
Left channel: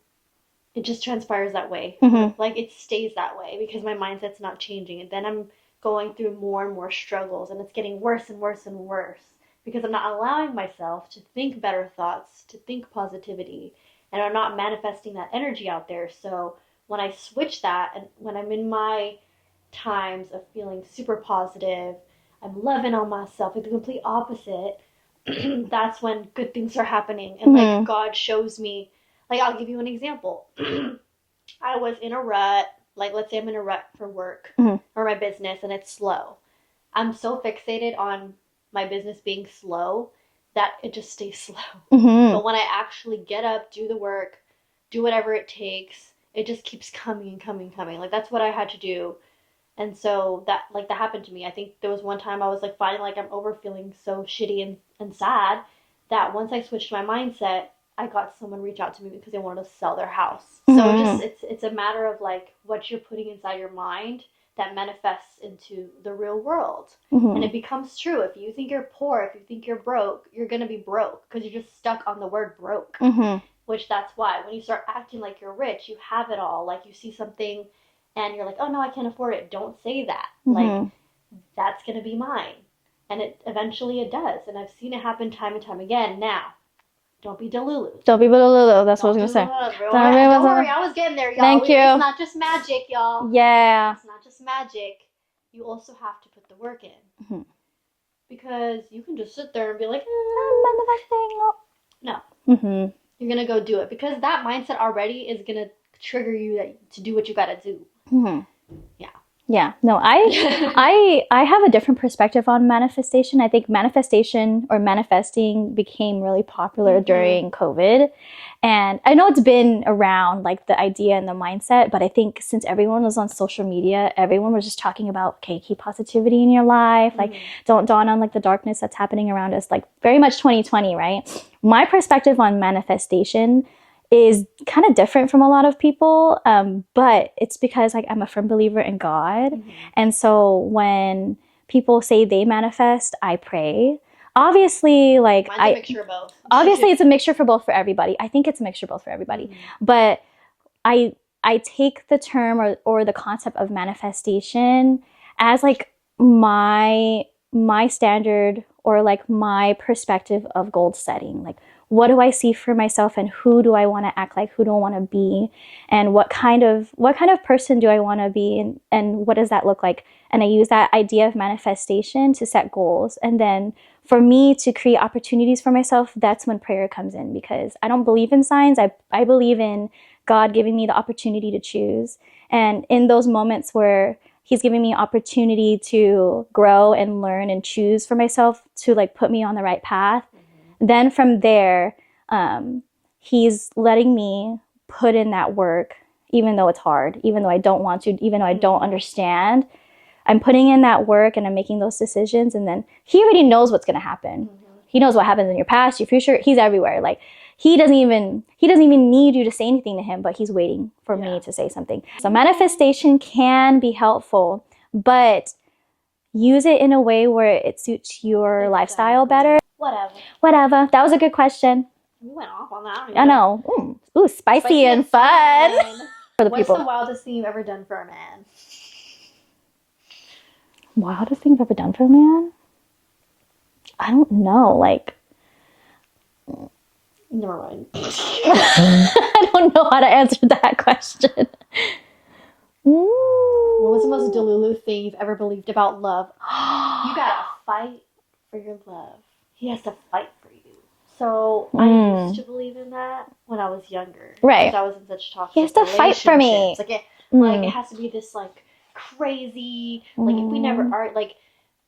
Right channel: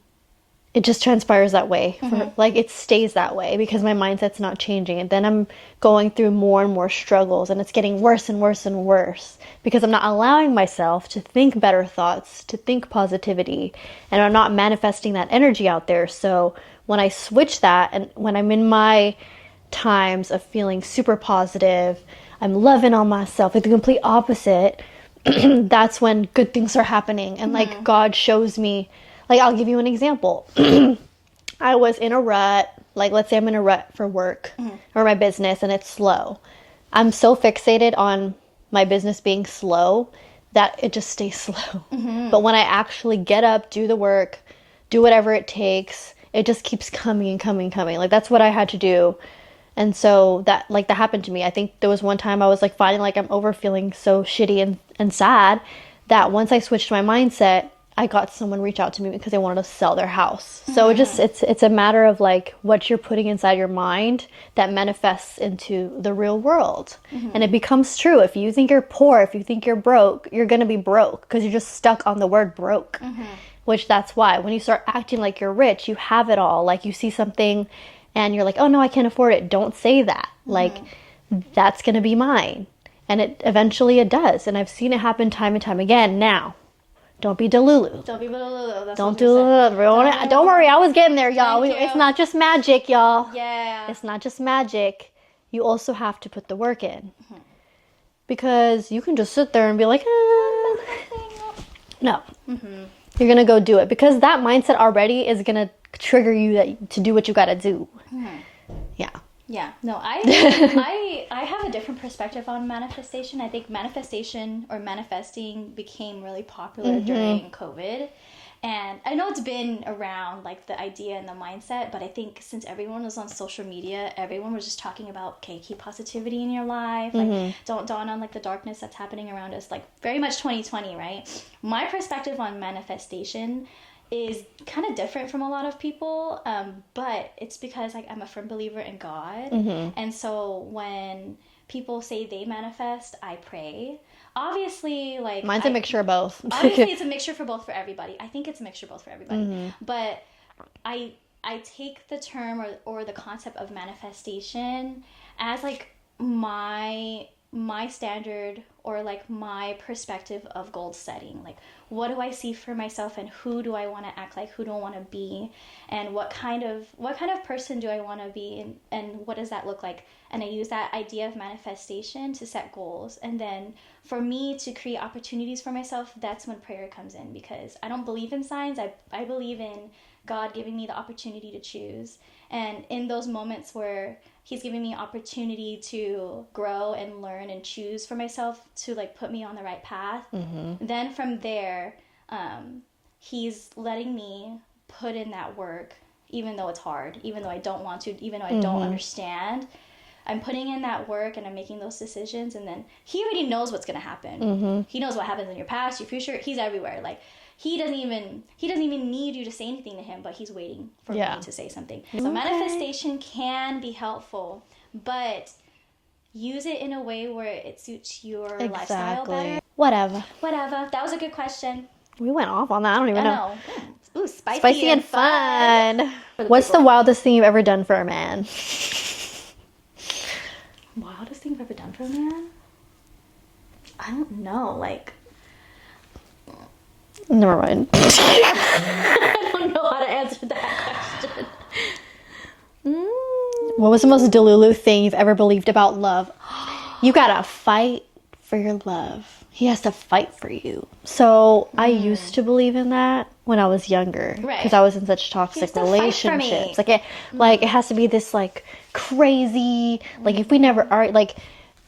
it just transpires that way. Like it stays that way because my mindset's not changing, and then I'm going through more and more struggles, and it's getting worse and worse and worse because I'm not allowing myself to think better thoughts, to think positivity, and I'm not manifesting that energy out there. So when I switch that, and when I'm in my times of feeling super positive, I'm loving on myself, like the complete opposite, that's when good things are happening. And like God shows me, like I'll give you an example. I was in a rut, like let's say I'm in a rut for work or my business and it's slow. I'm so fixated on my business being slow that it just stays slow. But when I actually get up, do the work, do whatever it takes, it just keeps coming and coming and coming. Like that's what I had to do. And so that happened to me. I think there was one time I was like finding like I'm over feeling so shitty and sad that once I switched my mindset, I got someone reach out to me because they wanted to sell their house. So it's a matter of like what you're putting inside your mind that manifests into the real world. And it becomes true. If you think you're poor, if you think you're broke, you're going to be broke because you're just stuck on the word broke. Which that's why when you start acting like you're rich, you have it all. Like you see something and you're like, oh no, I can't afford it. Don't say that. Like that's going to be mine. And it eventually it does. And I've seen it happen time and time again. Now, don't be delulu. Don't be delulu. That's what I was going to say. Don't worry, I was getting there, y'all. Thank you. It's not just magic, y'all. Yeah. It's not just magic. You also have to put the work in. Because you can just sit there and be like, no. You're going to go do it. Because that mindset already is going to trigger you to do what you got to do. Yeah. No, I have a different perspective on manifestation. I think manifestation or manifesting became really popular during COVID. And I know it's been around, like the idea and the mindset, but I think since everyone was on social media, everyone was just talking about, okay, keep positivity in your life. Like, don't dawn on like the darkness that's happening around us. Like very much 2020, right? My perspective on manifestation is kind of different from a lot of people, but it's because like I'm a firm believer in God. And so when people say they manifest, I pray. Obviously, like mine's a mixture of both. Obviously, it's a mixture for both for everybody. I think it's a mixture both for everybody. But I take the term or the concept of manifestation as like my standard or like my perspective of goal setting. Like, what do I see for myself, and who do I want to act like, who do I want to be, and what kind of person do I want to be, and what does that look like? And I use that idea of manifestation to set goals. And then for me to create opportunities for myself, that's when prayer comes in, because I don't believe in signs. I believe in God giving me the opportunity to choose. And in those moments where he's giving me opportunity to grow and learn and choose for myself to like put me on the right path, then from there, he's letting me put in that work, even though it's hard, even though I don't want to, even though I don't understand. I'm putting in that work and I'm making those decisions. And then he already knows what's going to happen. He knows what happens in your past, your future. He's everywhere. Like, he doesn't even need you to say anything to him, but he's waiting for me to say something. So manifestation can be helpful, but use it in a way where it suits your lifestyle better. Whatever. That was a good question. We went off on that. I don't even know. Ooh, spicy and fun. What's the wildest thing you've ever done for a man? Wildest thing I've ever done for a man? I don't know. Like, never mind. I don't know how to answer that question. What was the most delulu thing you've ever believed about love? You gotta fight for your love. He has to fight for you. So I used to believe in that when I was younger, right? Because I was in such toxic relationships. He has to fight for me. Like it has to be this like crazy. Like if we never are like.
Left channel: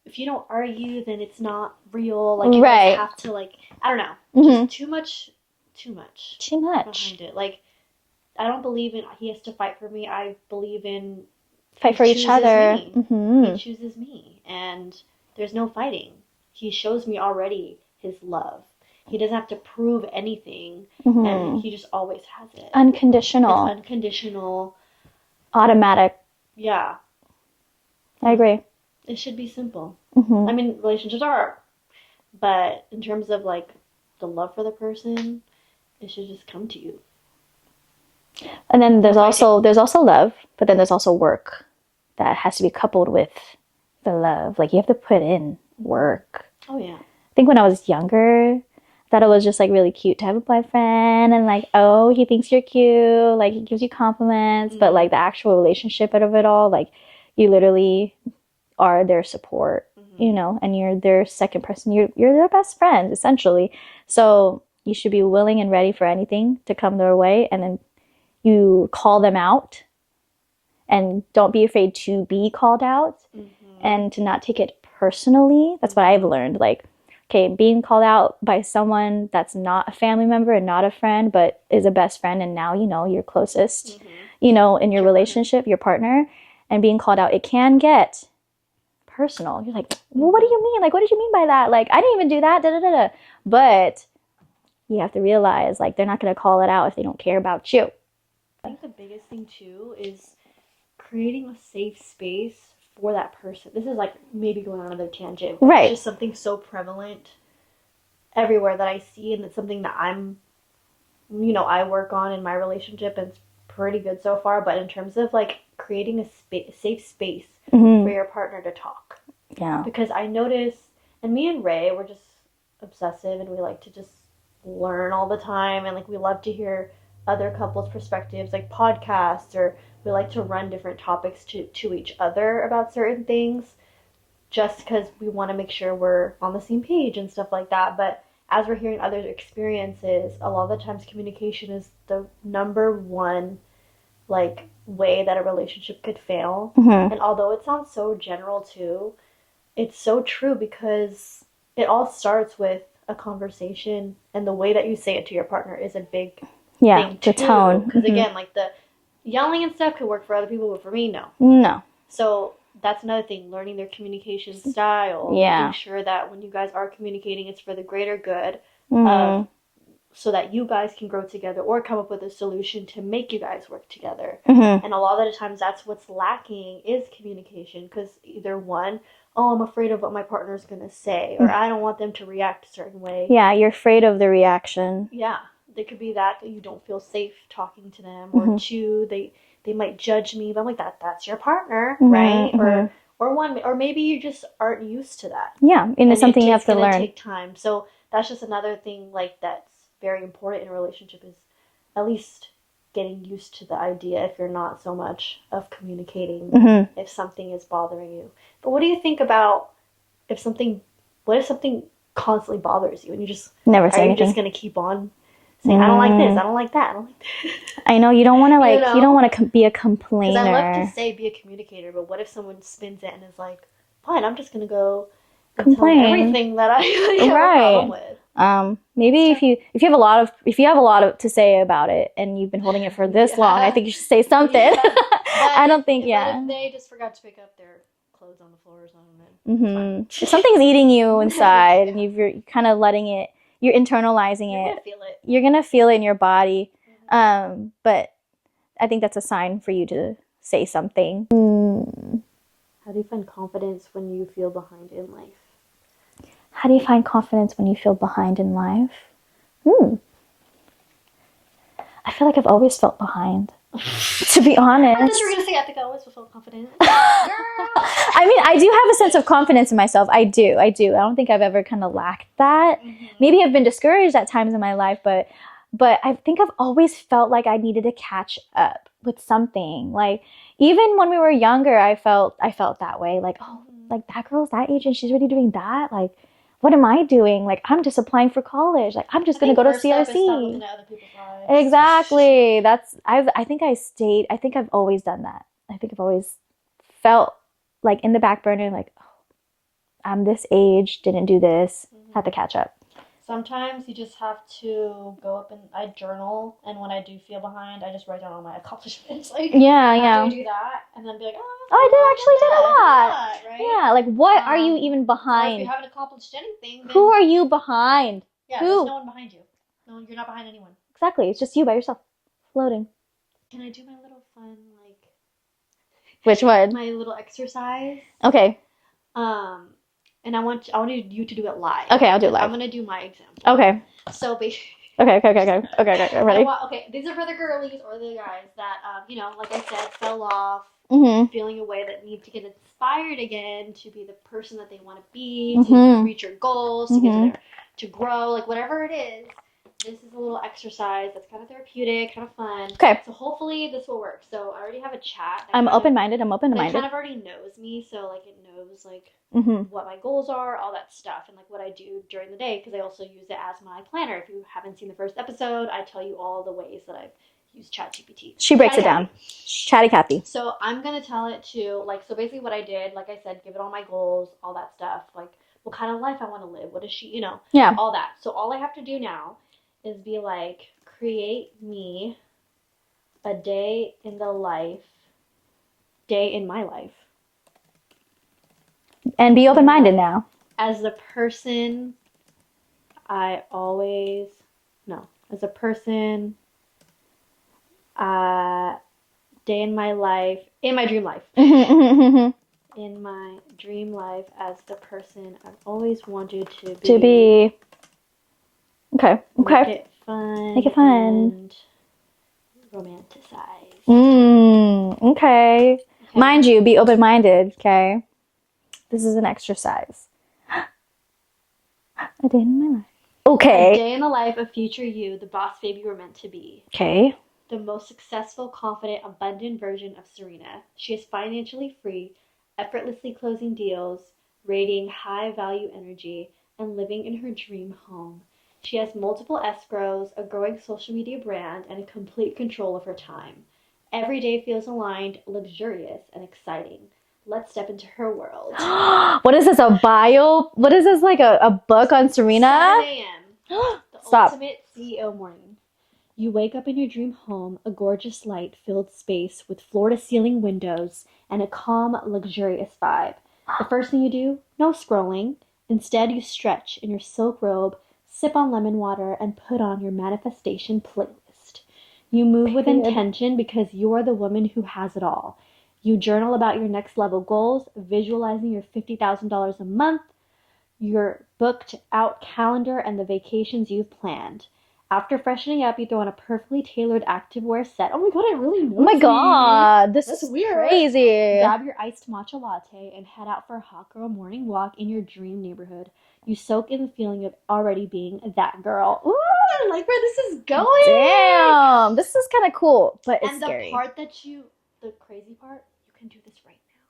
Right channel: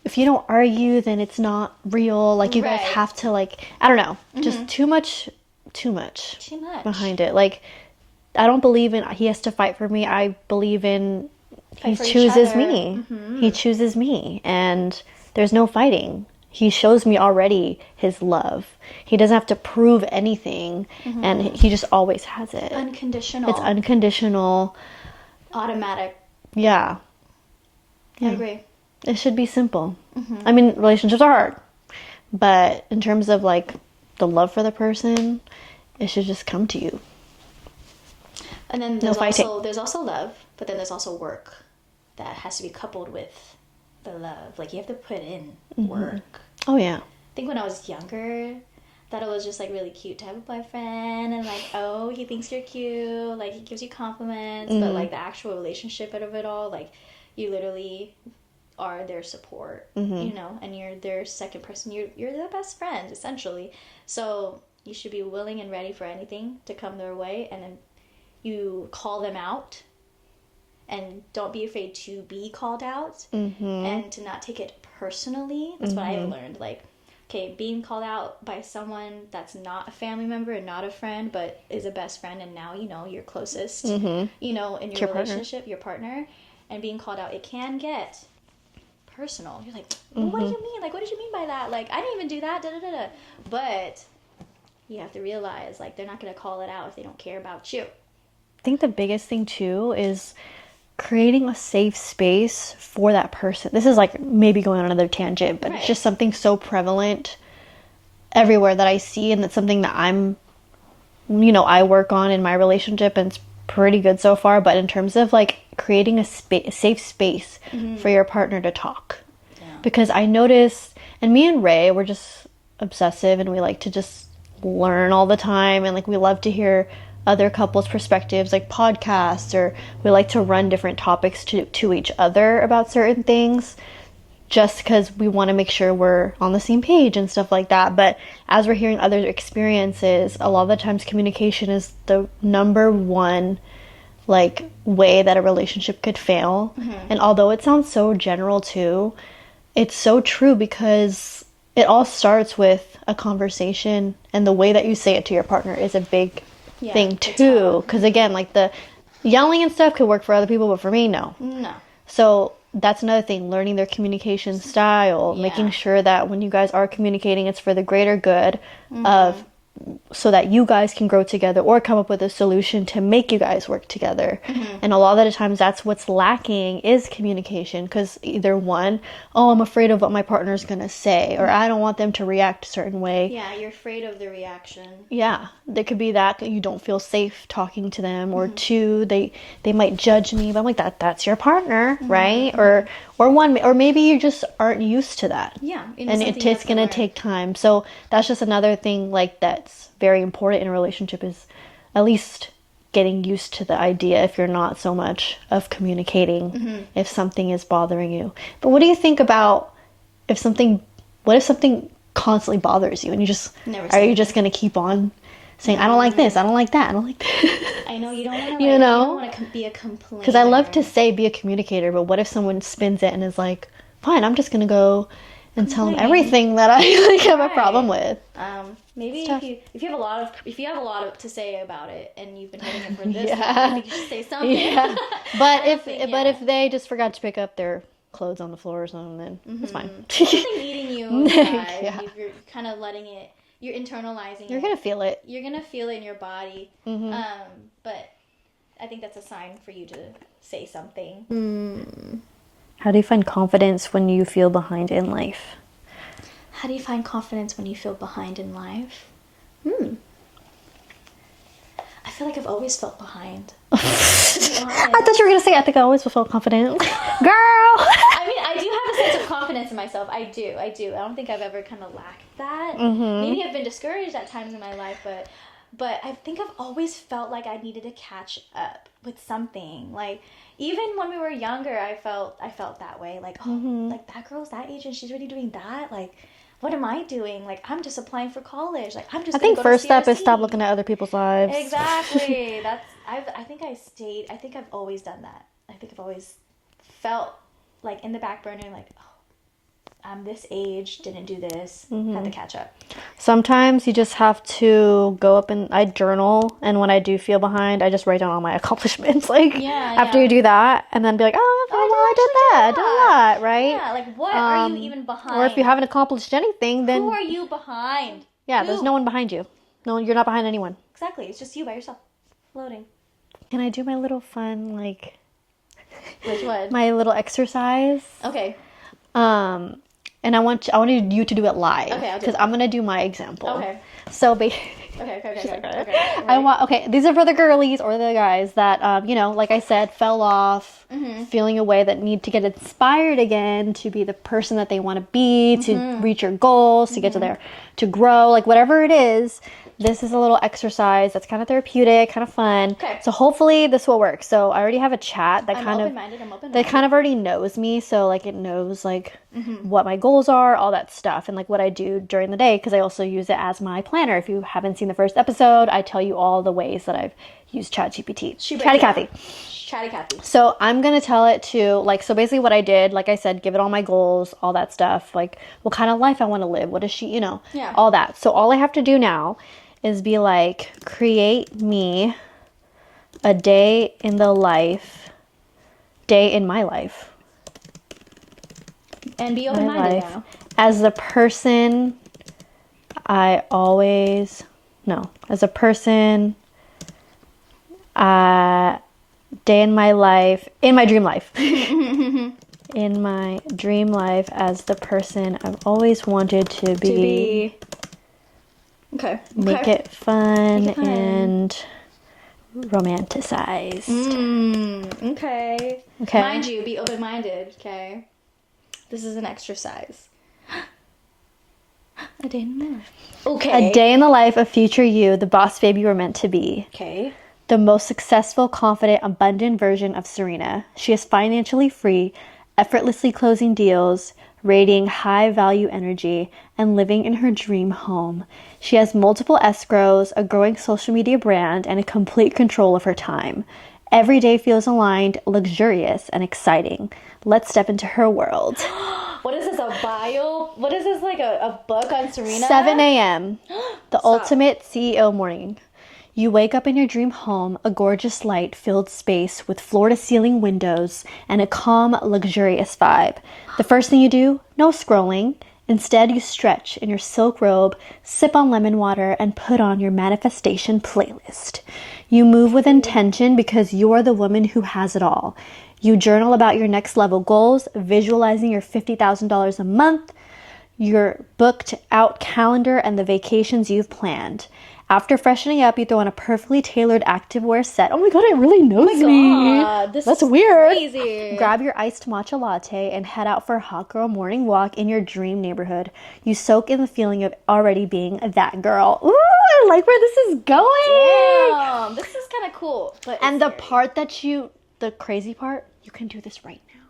If you don't argue, then it's not real. Like you guys have to like, I don't know, just too much behind it. Like, I don't believe in he has to fight for me. I believe in fight for he each chooses other. me. He chooses me, and there's no fighting. He shows me already his love. He doesn't have to prove anything, and he just always has it. Unconditional. It's unconditional. Automatic. Yeah. I agree. It should be simple. I mean, relationships are hard, but in terms of like the love for the person, it should just come to you. And then there's also love, but then there's also work that has to be coupled with the love. Like, you have to put in work. Oh yeah. I think when I was younger, thought it was just like really cute to have a boyfriend, and like, oh, he thinks you're cute, like he gives you compliments, but like the actual relationship out of it all, like you literally are their support, you know, and you're their second person. You're their best friend, essentially. So you should be willing and ready for anything to come their way, and then you call them out, and don't be afraid to be called out, and to not take it personally. That's what I've learned. Like, okay, being called out by someone that's not a family member and not a friend, but is a best friend, and now, you know, your closest, you know, in your relationship, your partner, and being called out, it can get personal. You're like, well, what do you mean? Like, what did you mean by that? Like, I didn't even do that. Da, da, da, da. But you have to realize, like, they're not going to call it out if they don't care about you. I think the biggest thing too is creating a safe space for that person. This is like maybe going on another tangent, but it's just something so prevalent everywhere that I see, and it's something that I'm, you know, I work on in my relationship, and it's pretty good so far. But in terms of like creating a safe space for your partner to talk, because I noticed, and me and Ray, we're just obsessive, and we like to just learn all the time, and like we love to hear other couples' perspectives, like podcasts, or we like to run different topics to each other about certain things, just because we want to make sure we're on the same page and stuff like that. But as we're hearing other experiences, a lot of the times communication is the number one like way that a relationship could fail. And although it sounds so general too, it's so true, because it all starts with a conversation, and the way that you say it to your partner is a big thing too. Because again, like the yelling and stuff could work for other people, but for me, no. So that's another thing, learning their communication style, making sure that when you guys are communicating, it's for the greater good of so that you guys can grow together or come up with a solution to make you guys work together. And a lot of the times that's what's lacking is communication, because either one, oh, I'm afraid of what my partner's gonna say, or I don't want them to react a certain way. Yeah, you're afraid of the reaction. Yeah, there could be that you don't feel safe talking to them, or two, they might judge me, but I'm like, that's your partner, right? Or one, or maybe you just aren't used to that. Yeah, and it's something you have to learn. It's gonna take time. So that's just another thing like that's very important in a relationship, is at least getting used to the idea, if you're not so much of communicating if something is bothering you. But what do you think about what if something constantly bothers you and you just Never say are you anything. just gonna keep on saying, I don't like this, I don't like that, I don't like this? I know you don't want to like You know? you don't want to be a complainer. Because I love to say be a communicator, but what if someone spins it and is like, fine, I'm just gonna go and tell them everything that I have a problem with. Maybe if you have a lot of to say about it and you've been holding it for this long, I think you should say something. But I don't think. But if they just forgot to pick up their clothes on the floor or something, then it's fine. If something's eating you inside, and you're kind of letting it, you're internalizing You're it. gonna feel it. You're gonna feel it in your body. But I think that's a sign for you to say something. How do you find confidence when you feel behind in life? How do you find confidence when you feel behind in life? I feel like I've always felt behind. To be honest. I thought you were gonna say I think I always feel confident. Girl! I mean, I do have a sense of confidence in myself. I do. I don't think I've ever kind of lacked that. Maybe I've been discouraged at times in my life, but I think I've always felt like I needed to catch up with something. Like, even when we were younger, I felt that way. Like, oh, like that girl's that age and she's already doing that. Like, what am I doing? Like, I'm just applying for college. Like, I'm just going to go to CRC. First step is stop looking at other people's lives. Exactly. I think I've always done that. I think I've always felt like in the back burner, like, oh, I'm this age, didn't do this, have to catch up. Sometimes you just have to go up and I journal, and when I do feel behind, I just write down all my accomplishments. Like, after you do that, and then be like, oh, I did that, right? Yeah, like, what are you even behind? Or if you haven't accomplished anything, then who are you behind? Yeah, there's no one behind you. No, you're not behind anyone. Exactly. It's just you by yourself, floating. Can I do my little fun, like... Which one? My little exercise. Okay. And I want you to do it live. Okay, I'll do it live. I'm gonna do my example. Okay. So Okay. Ready? These are for the girlies or the guys that like I said, fell off, feeling a way that need to get inspired again to be the person that they want to be, to reach your goals, to get to grow, like whatever it is. This is a little exercise that's kind of therapeutic, kind of fun. Okay. So hopefully this will work. So I already have a chat that I'm open-minded. That kind of already knows me. So like it knows like what my goals are, all that stuff, and like what I do during the day, because I also use it as my planner. If you haven't seen the first episode, I tell you all the ways that I've used ChatGPT. She breaks Chatty it down. Chatty Kathy. So I'm going to tell it to, like, so basically what I did, like I said, give it all my goals, all that stuff, like what kind of life I want to live. What is she, Yeah. all that. So all I have to do now is be like, create me a day in my life. And be open-minded now. As the person as a person, day in my life, in my dream life. In my dream life as the person I've always wanted to be. Okay. Make it fun and romanticized. Okay. Mind you, be open-minded, okay? This is an exercise. A day in my life. Okay. A day in the life of future you, the boss babe you were meant to be. Okay. The most successful, confident, abundant version of Serina. She is financially free, effortlessly closing deals, radiating high-value energy, and living in her dream home. She has multiple escrows, a growing social media brand, and a complete control of her time. Every day feels aligned, luxurious, and exciting. Let's step into her world. What is this, a bio? What is this, like a book on Serina? 7 a.m. The ultimate CEO morning. You wake up in your dream home, a gorgeous light-filled space with floor-to-ceiling windows and a calm, luxurious vibe. The first thing you do, no scrolling. Instead, you stretch in your silk robe, sip on lemon water, and put on your manifestation playlist. You move with intention because you're the woman who has it all. You journal about your next level goals, visualizing your $50,000 a month, your booked out calendar, and the vacations you've planned. After freshening up, you throw on a perfectly tailored activewear set. Oh my god, it really knows me. Oh my god, that's weird. Crazy. Grab your iced matcha latte and head out for a hot girl morning walk in your dream neighborhood. You soak in the feeling of already being that girl. Ooh, I like where this is going. Damn, this is kind of cool. But And the scary. part that the crazy part, you can do this right now.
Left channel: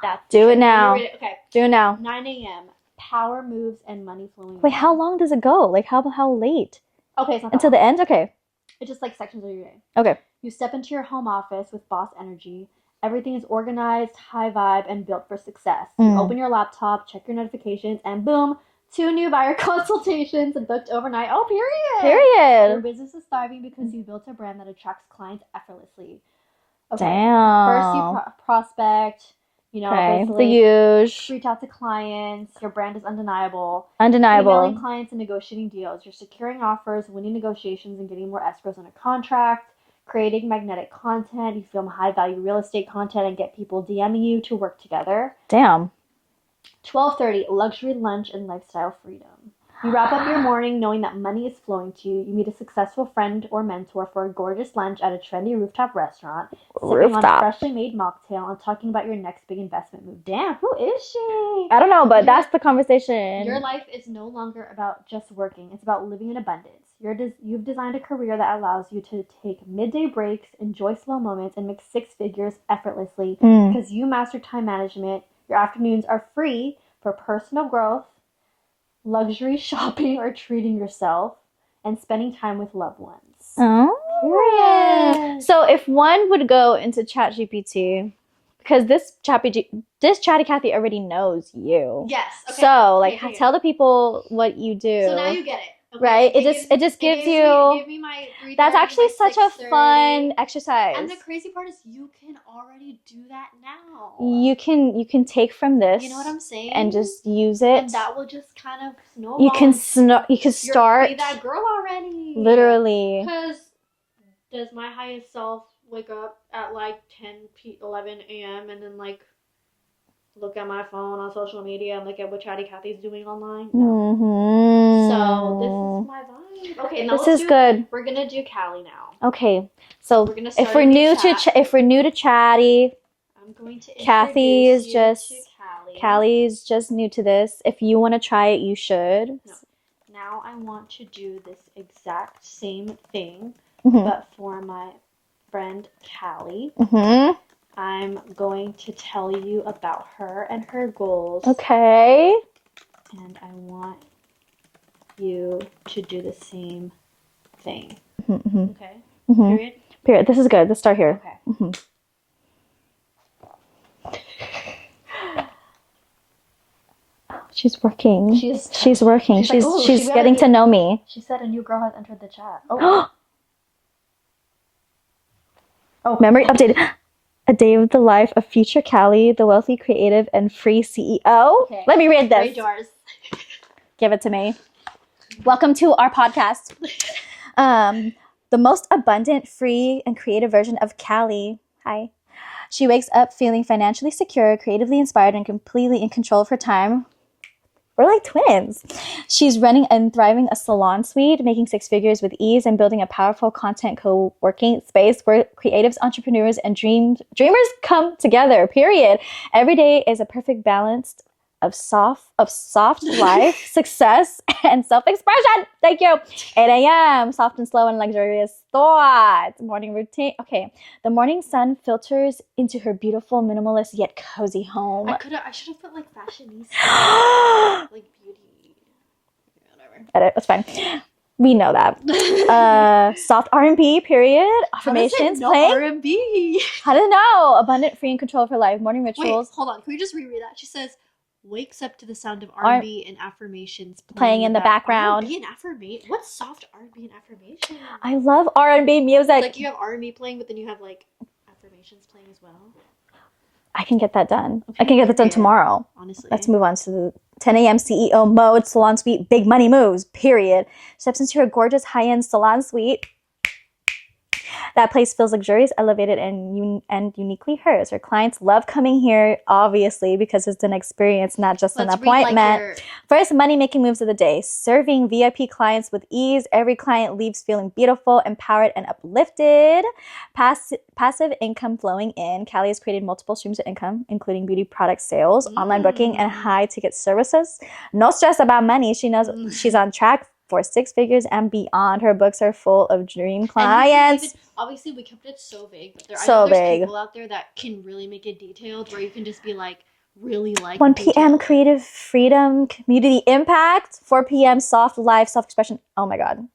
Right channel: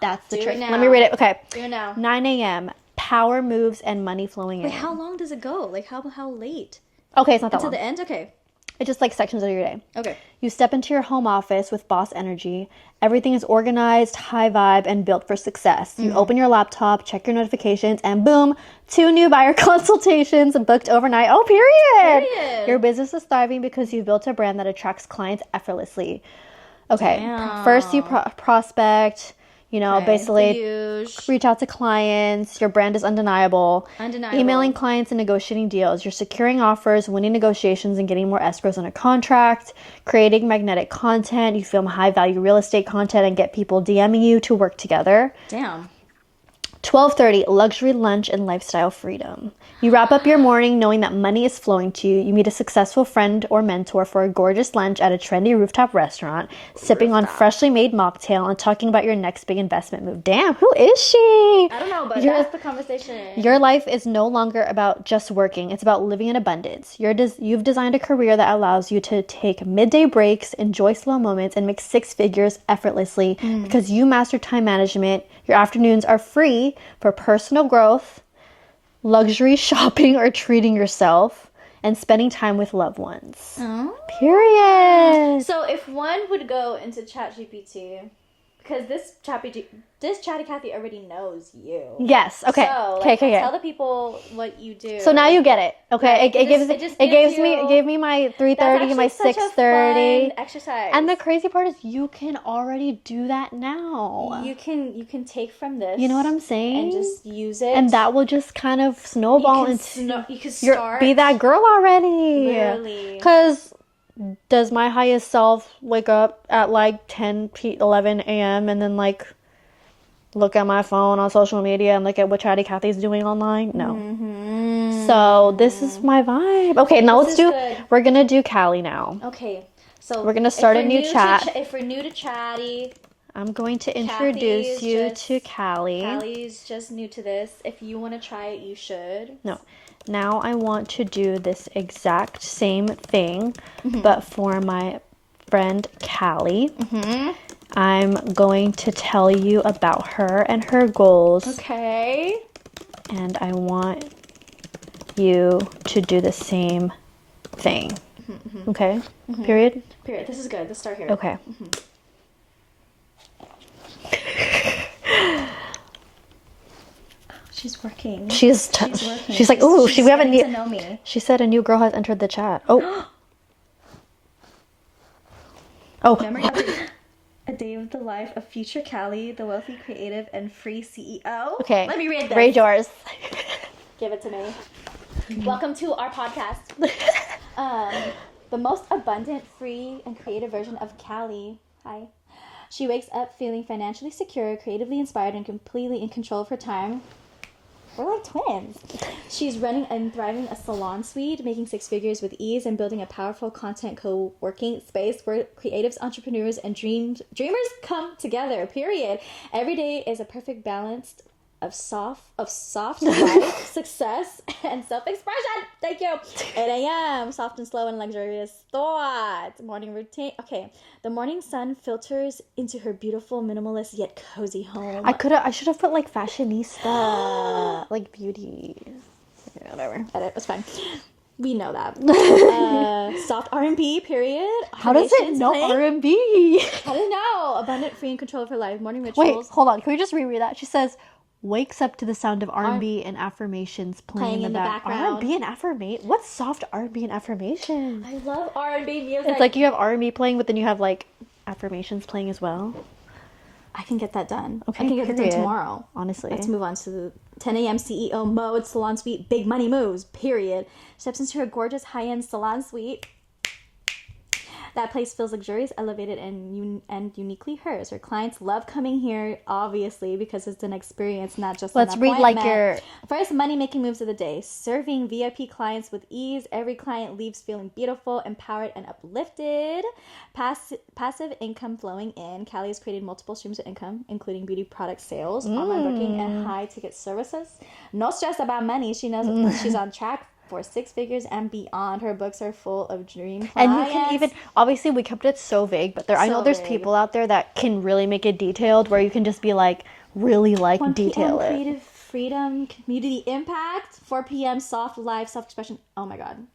That's the Do it trick. now. Let me read it. Okay. Do it now. 9 a.m. Power moves and money flowing in. Wait, how long does it go? Like how late? Okay, it's not that Until long. the end? Okay. It's just like sections of your day. Okay. You step into your home office with boss energy. Everything is organized, high vibe, and built for success. You open your laptop, check your notifications, and boom, 2 new buyer consultations booked overnight. Oh, period. Your business is thriving because you've built a brand that attracts clients effortlessly. Okay. Damn. First, you prospect. Basically the huge. reach out to clients. Your brand is undeniable. Undeniable. Emailing clients and negotiating deals. You're securing offers, winning negotiations, and getting more escrows on a contract. Creating magnetic content. You film high-value real estate content and get people DMing you to work together. Damn. 12:30, luxury lunch and lifestyle freedom. You wrap up your morning knowing that money is flowing to you. You meet a successful friend or mentor for a gorgeous lunch at a trendy rooftop restaurant, sipping on freshly made mocktail and talking about your next big investment move. Damn, who is she? I don't know, but that's the conversation. Your life is no longer about just working. It's about living in abundance. You've designed a career that allows you to take midday breaks, enjoy slow moments, and make 6 figures effortlessly because you master time management. Your afternoons are free for personal growth, luxury shopping or treating yourself, and spending time with loved ones. Oh. Period. So if one would go into ChatGPT, because this Chatty Kathy already knows you. Yes. Okay. So okay. tell the people what you do. So now you get it. Okay. Right? It just gives you. Give me my 3:30, That's actually my such 6:30. a fun exercise. And the crazy part is you can already do that now. You can take from this. You know what I'm saying? And just use it. And that will just kind of snowball. You can start. Be that girl already. Literally. Because does my highest self wake up at like 11 a.m. and then like look at my phone on social media and look at what Chatty Kathy's doing online? No. Mm-hmm. So this is my vibe. Okay, now good. We're gonna do Callie now. Okay, so we're gonna start a new chat. If we're new to Chatty, I'm going to introduce you to Callie. Callie's just new to this. If you want to try it, you should. No. Now I want to do this exact same thing, but for my friend Callie. I'm going to tell you about her and her goals. Okay. And I want you to do the same thing. Okay? Period? Period. This is good. Let's start here. Okay. She's working. She's working. She's like, ooh, she's getting to know me. She said a new girl has entered the chat. Oh. Oh, memory updated. A day of the life of future Callie, the wealthy, creative, and free CEO. Okay. Let me read this. Read yours. Give it to me. Welcome to our podcast. The most abundant, free, and creative version of Callie. Hi. She wakes up feeling financially secure, creatively inspired, and completely in control of her time. We're like twins. She's running and thriving a salon suite, making 6 figures with ease, and building a powerful content co-working space where creatives, entrepreneurs, and dreamers come together. Period. Every day is a perfect balance of soft life, success, and self-expression. Thank you. 8 a.m. Soft and slow and luxurious thoughts. Morning routine. Okay. The morning sun filters into her beautiful, minimalist yet cozy home. I should have put like fashionista, like beauty, whatever. It's fine. We know that. Soft R&B, period. Affirmations playing. R&B? How to know? Abundant, free, and control of her life. Morning rituals. Wait, hold on. Can we just reread that? She says, wakes up to the sound of R&B and affirmations playing in the background. R&B and affirmation? What's soft R&B and affirmation? I love R&B music. It's like you have R&B playing, but then you have like affirmations playing as well. I can get that done. Okay, I can get that done period. tomorrow. Honestly. Let's move on to the 10 a.m. CEO mode salon suite. Big money moves, period. Steps into her gorgeous high-end salon suite. That place feels luxurious, elevated, and uniquely hers. Her clients love coming here, obviously, because it's an experience, not just an appointment. First, money-making moves of the day. Serving VIP clients with ease. Every client leaves feeling beautiful, empowered, and uplifted. Passive income flowing in. Callie has created multiple streams of income, including beauty product sales, online booking, and high-ticket services. No stress about money. She knows she's on track for 6 figures and beyond. Her books are full of dream clients. And obviously, we kept it so vague, but I know there's people out there that can really make it detailed, where you can just be like, really like 1 p.m. creative freedom, community impact. 4 p.m. soft life, self-expression. Oh my God.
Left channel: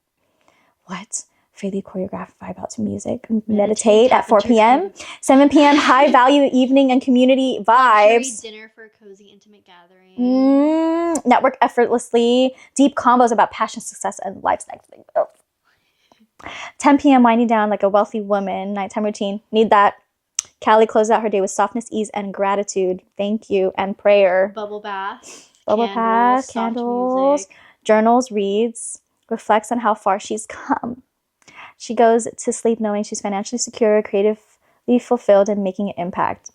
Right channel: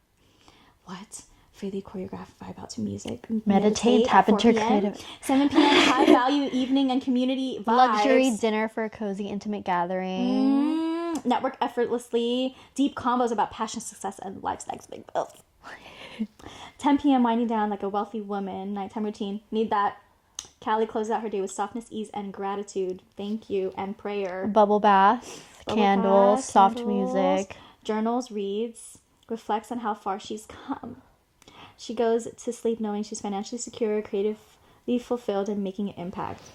What? Freely choreographed vibe out to music. Meditate at 4 p.m. 7 p.m. high value evening and community vibes. Luxury dinner for a cozy, intimate gathering. Network effortlessly. Deep combos about passion, success, and life snacks. 10 p.m. winding down like a wealthy woman. Nighttime routine. Need that. Callie closes out her day with softness, ease, and gratitude. Thank you. And prayer. Bubble bath. Candles. Soft music. Journals, reads. Reflects on how far she's come. She goes to sleep knowing she's financially secure, creatively fulfilled, and making an impact.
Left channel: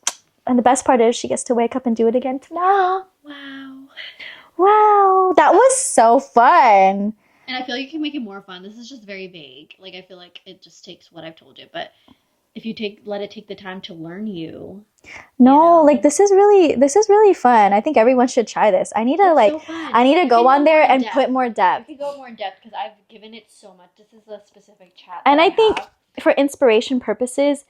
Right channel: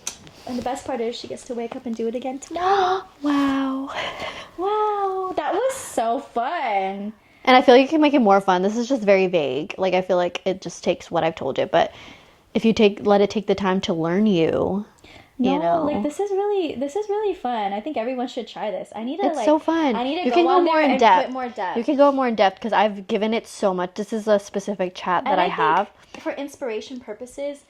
And the best part is she gets to wake up and do it again tomorrow. Wow. Wow. That was so fun. And I feel like you can make it more fun. This is just very vague. Like, I feel like it just takes what I've told you. But if you let it take the time to learn you. Like this is really fun. I think everyone should try this. I need to so fun. I need to go on there and put more depth. You can go more in depth because I've given it so much. This is a specific chat that I think for inspiration purposes,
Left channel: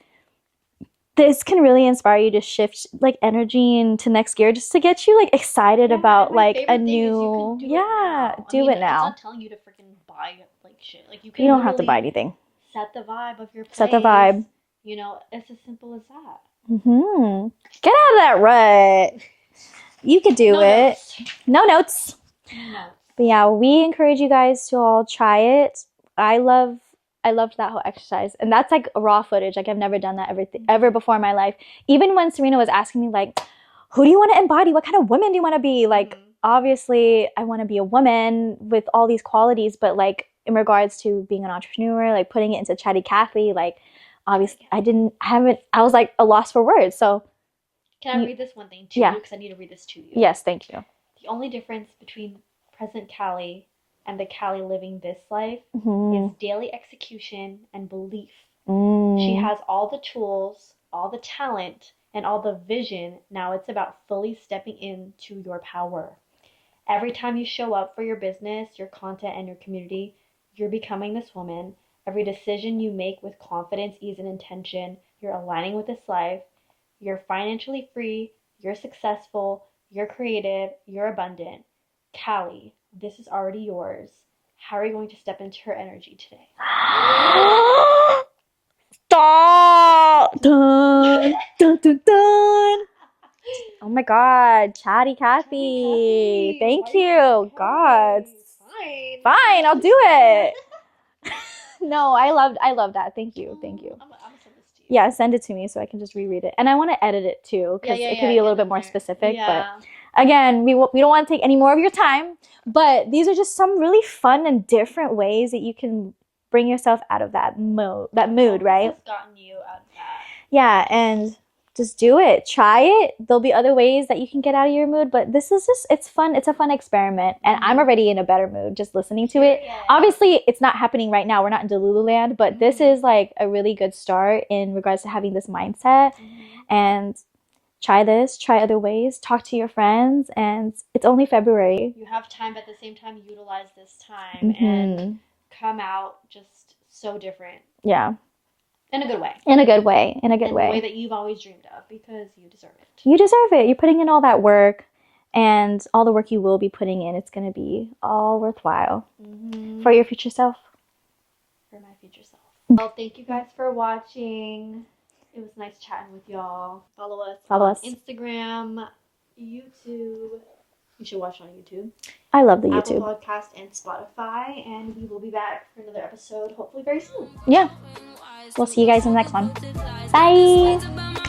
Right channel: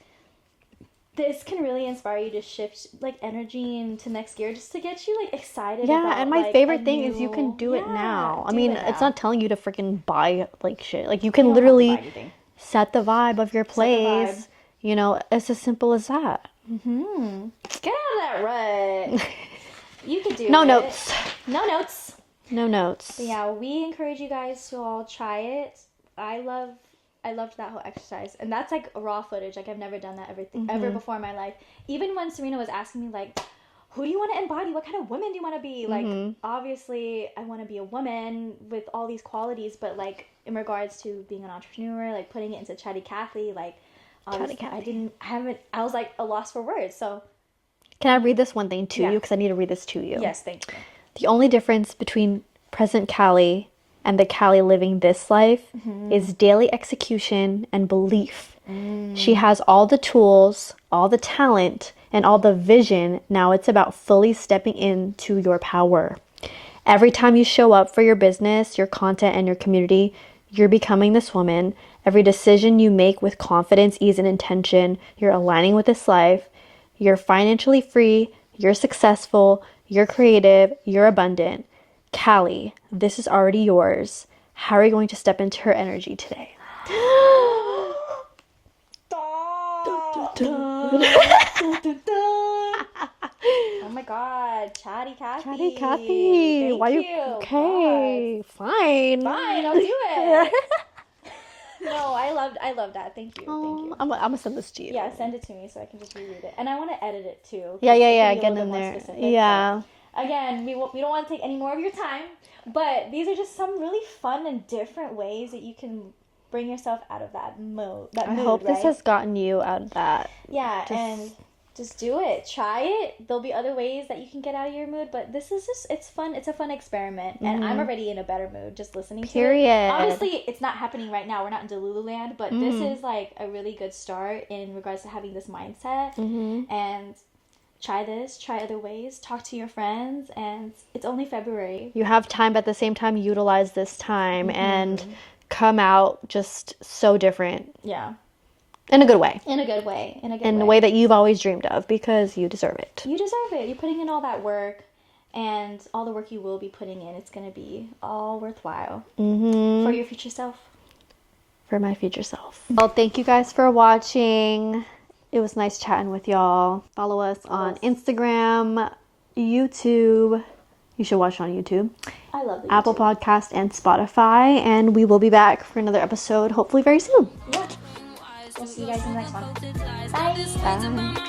this can really inspire you to shift like energy into next gear, just to get you like excited about like a new. Is you can do it now. I mean, it's not telling you to freaking buy like shit. Like you can don't literally have to buy anything. Set the vibe of your place. Set the vibe. You know, it's as simple as that. Get out of that rut. You could do it. Notes. No notes. No notes. But yeah, we encourage you guys to all try it. I loved that whole exercise, and that's like raw footage. Like I've never done that ever before in my life. Even when Serina was asking me like, who do you want to embody? What kind of woman do you want to be? Like obviously I want to be a woman with all these qualities, but like in regards to being an entrepreneur, like putting it into Chatty Kathy, like obviously I was like a loss for words. So can I read this one thing to you? Because I need to read this to you. Yes, thank you. The only difference between present Callie and the Callie living this life is daily execution and belief. She has all the tools, all the talent, and all the vision. Now it's about fully stepping into your power. Every time you show up for your business, your content, and your community, you're becoming this woman. Every decision you make with confidence, ease, and intention, you're aligning with this life. You're financially free, you're successful, you're creative, you're abundant. Callie, this is already yours. How are you going to step into her energy today? Stop! Dun, dun, dun, dun. Oh my God, Chatty Kathy. Thank you. Okay. God. Fine, I'll do it. No, I love that. Thank you. Thank you. I'm gonna send this to you. Yeah, send it to me so I can just reread it. And I want to edit it too. Yeah. It can be a little bit more specific. Yeah. But again, we don't want to take any more of your time. But these are just some really fun and different ways that you can bring yourself out of that mood. Right? This has gotten you out of that. Yeah, and just do it. Try it. There'll be other ways that you can get out of your mood, but this is it's fun. It's a fun experiment, and I'm already in a better mood just listening to it. Obviously, it's not happening right now. We're not in Delulu land, but this is like a really good start in regards to having this mindset. And try this, try other ways, talk to your friends, and it's only February. You have time, but at the same time, utilize this time and come out just so different. Yeah. In a good way. In a good way. In a way that you've always dreamed of, because you deserve it. You deserve it. You're putting in all that work, and all the work you will be putting in, it's going to be all worthwhile for your future self. For my future self. Well, thank you guys for watching. It was nice chatting with y'all. Follow us on Instagram, YouTube. You should watch it on YouTube. I love the Apple YouTube. Podcast and Spotify. And we will be back for another episode, hopefully very soon. Yeah. We'll see you guys in the next one. Bye.